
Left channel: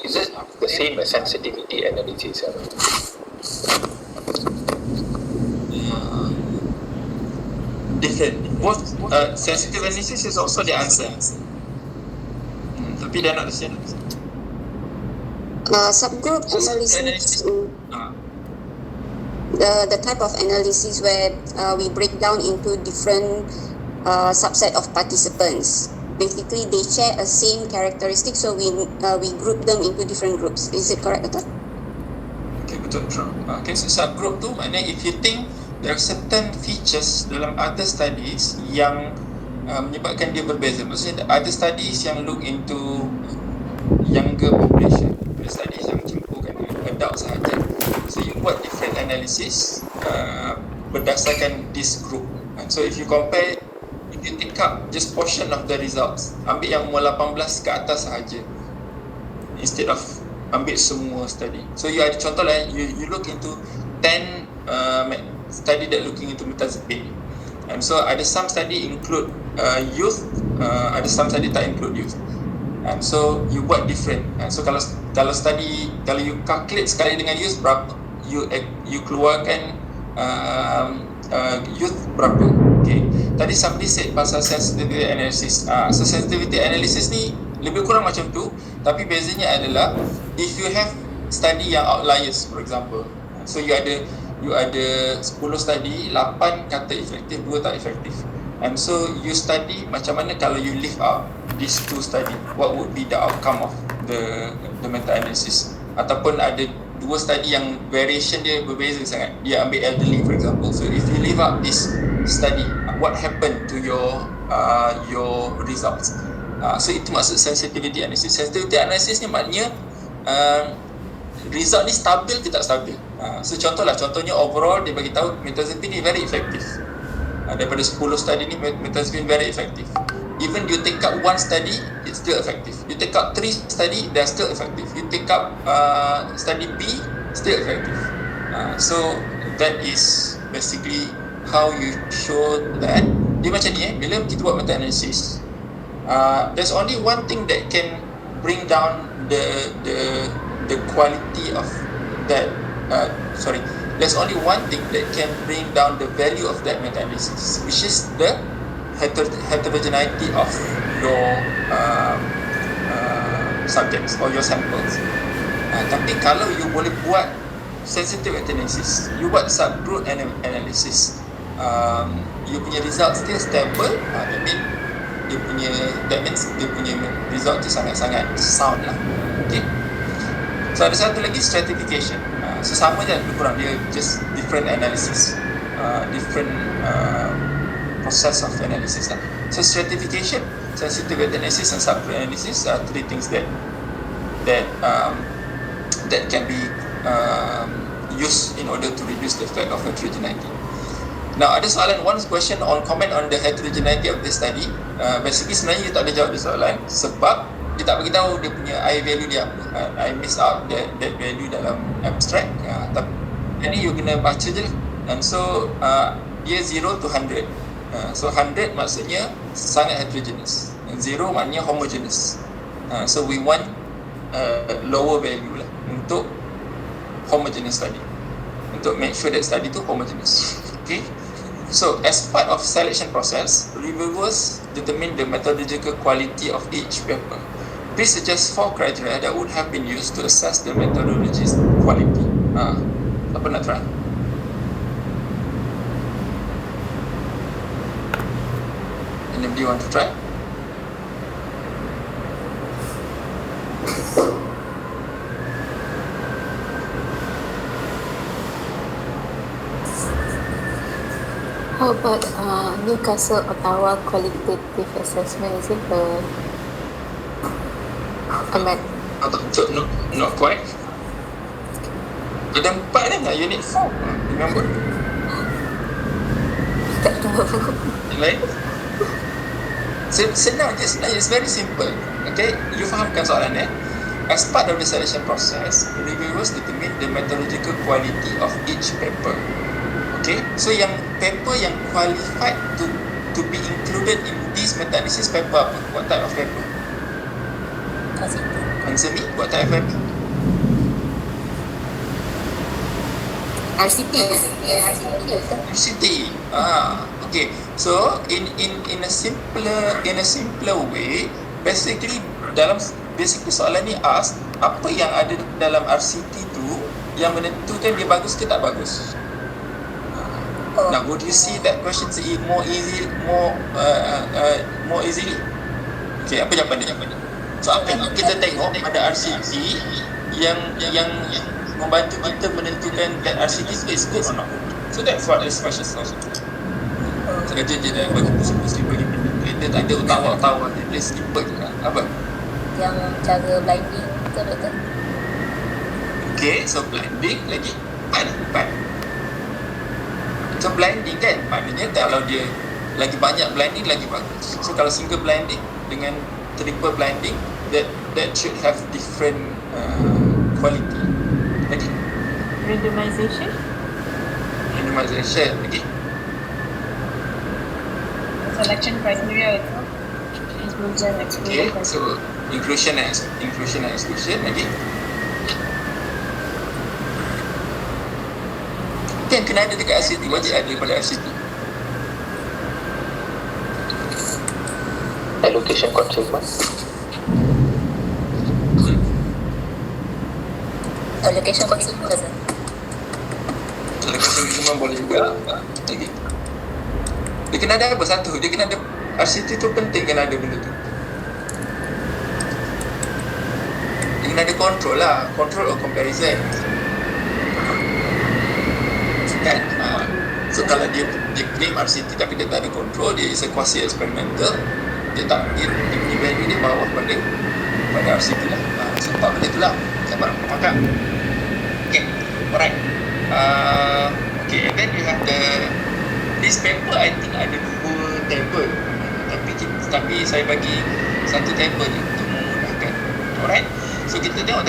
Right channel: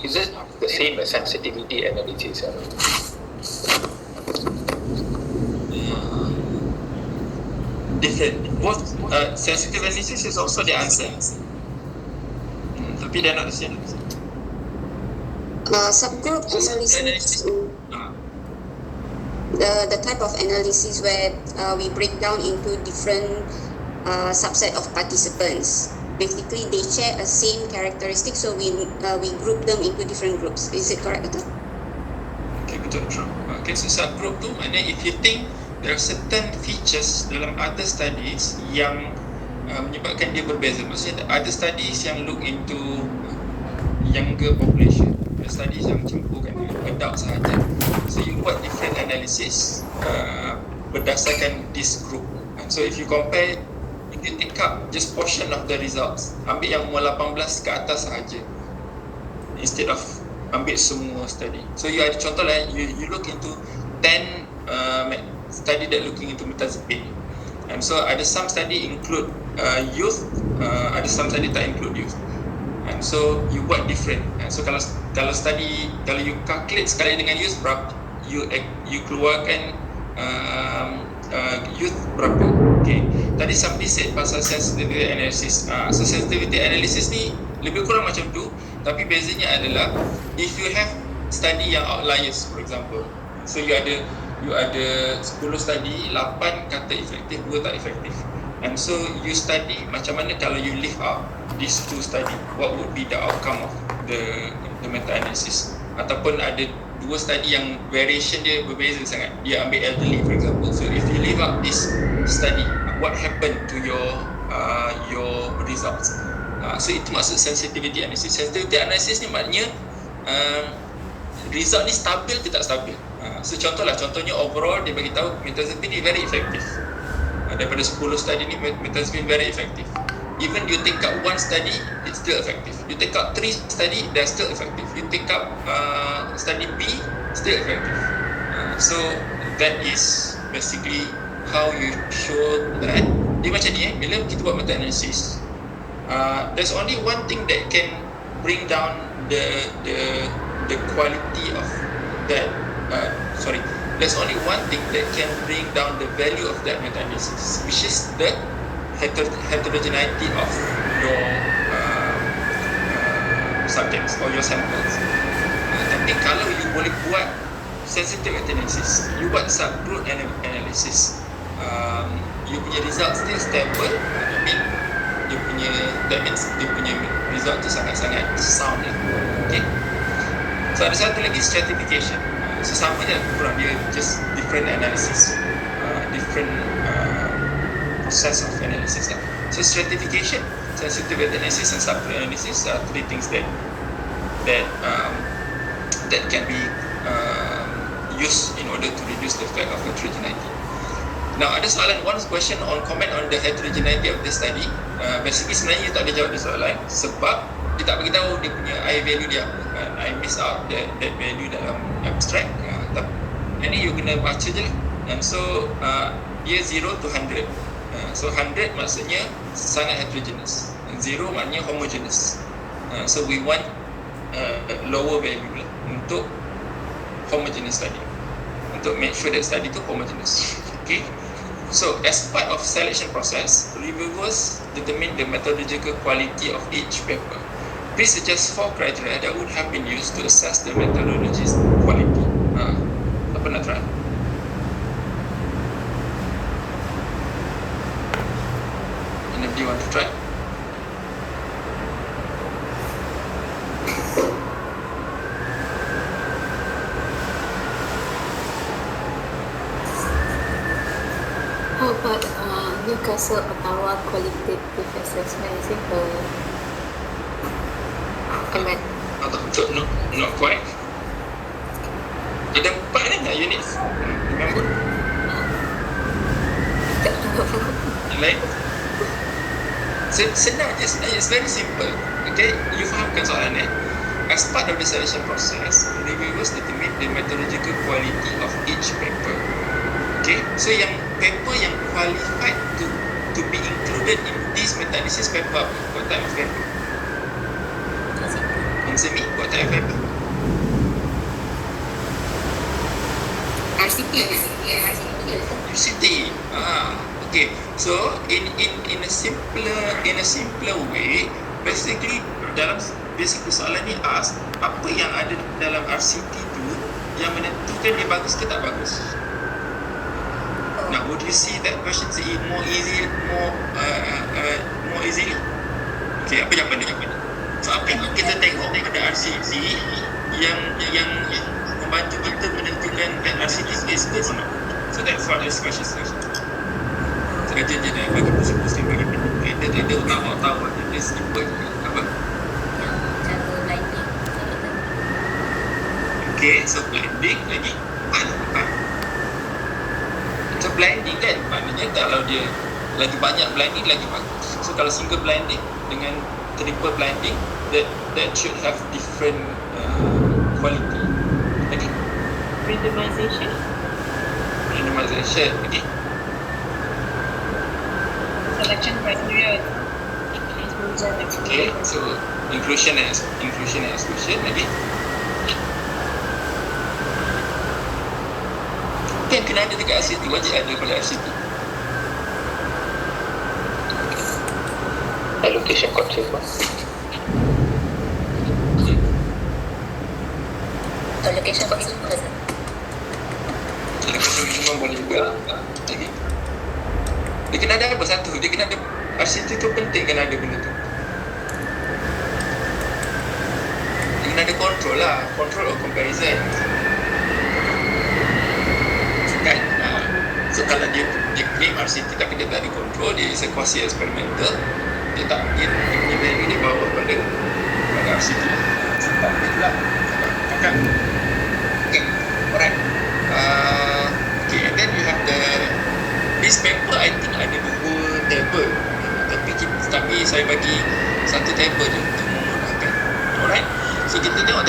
Is it the same as sensitivity analysis? Different. Both sensitive analysis is also the answer. Tapi they're not the same. Subgroup analysis. the type of analysis where we break down into different subset of participants. Basically, they share a same characteristic, so we group them into different groups. Is it correct, Dr.? Okay, betul, true. Okay, so subgroup tu maknanya if you think there are certain features dalam other studies yang menyebabkan dia berbeza. Maksudnya other studies yang look into younger population, the studies yang campurkan adult sahaja. So you buat different analysis berdasarkan this group. So if you compare, if you take up just portion of the results, ambil yang umur 18 ke atas sahaja instead of ambil semua study. So you ada contoh lah, you look into 10 study that looking into metazapine. And so ada some study include youth, ada some study tak include youth. And so you buat different. So kalau study, kalau you calculate sekali dengan youth berapa, you keluarkan youth berapa. Okay. Tadi somebody said pasal sensitivity analysis. So sensitivity analysis ni lebih kurang macam tu, tapi bezanya adalah if you have study yang outliers, for example, so you ada 10 study, 8 kata efektif, 2 tak efektif, and so you study macam mana kalau you leave out these 2 study, what would be the outcome of the meta-analysis. Ataupun ada 2 study yang variation dia berbeza sangat, dia ambil elderly for example, so if you leave out this study, what happened to your results. So itu maksud sensitivity analysis. Sensitivity analysis ni maknanya result ni stabil ke tak stabil. So contohnya overall dia bagi tahu metazapine ni very effective. Daripada 10 study ni metazapine very effective. Even you take up 1 study, it's still effective. You take up 3 study, they're still effective. You take up study B, still effective. So that is basically how you show that. Dia macam ni bila kita buat meta-analysis, there's only one thing that can bring down the quality of that. There's only one thing that can bring down the value of that meta-analysis, which is the heterogeneity of your subjects or your samples. Tapi kalau you boleh buat sensitivity analysis, you buat subgroup analysis, you punya result still stable, that means dia punya result tu sangat-sangat sound lah. Okay. So ada satu lagi stratification. So sama je lebih kurang, dia just different analysis, different process of analysis lah. So stratification, sensitivity analysis and subgroup analysis are 3 things that can be used in order to reduce the effect of heterogeneity. Now ada soalan, one question on comment on the heterogeneity of this study. Basically sebenarnya you tak boleh jawab dia soalan sebab dia tak beritahu dia punya I value dia apa. I miss out that value dalam abstract. Tapi ini you kena baca je lah. And so dia 0 to 100. So 100 maksudnya sangat heterogeneous, 0 maknanya homogeneous. So we want lower value lah untuk homogeneous study, untuk make sure that study tu homogeneous. Okay. So as part of selection process, reviewers determine the methodological quality of each paper. Please suggest 4 criteria that would have been used to assess the methodology's quality. Apa nak try? Anybody want to try? How about Newcastle Ottawa qualitative assessment? Is it Not quite. Ada 4 kan unit 4. Remember? Tak tahu. Lain? Senang je, it's very simple. Okay, you fahamkan soalan ni. As part of the selection process, reviewers determine the methodological quality of each paper. Okay, so yang paper yang qualified to be included in this meta-analysis paper apa? What type of paper? Answer me, what type of paper? RCT. Okay. So in a simpler way, basically soalan ni ask apa yang ada dalam RCT tu yang menentukan dia bagus ke tak bagus. Now, would you see that question more easily? Okay, apa jawapan dia? So, apa yang kita tengok ada RCT yang membantu kita menentukan that RCT is good or not. So, that's what this question is. Saja je dia bagi pusing-pusing bagi dia tak ada utawar-utawar dia simple je. Apa? Yang cara blinding betul doktor? Okay, so blending lagi empat. So blending kan, maknanya kalau dia lagi banyak blending lagi bagus. So kalau single blending dengan triple blending, that should have different quality. Lagi Randomization. Lagi Selection criteria. Inclusion, okay, so inclusion and exclusion lagi. Kan kena ada dekat RCT, wajib ada pada RCT. Allocation constraint. Allocation constraint. Allocation minimum boleh juga. Lagi. Dia kena ada apa satu? Dia kena ada RCT tu penting kena ada benda tu. Dia kena ada control lah, control or comparison. Kan? So kalau dia claim RCT tapi dia tak ada control, dia is a quasi experimental, dia punya value dia bawah pada RCT lah. So tak benda tu lah. Sabar. Faham? Okay. Alright. Okay, and then you have this paper I think ada 2 table. Tapi saya bagi 1 table je untuk memudahkan. Alright. So kita tengok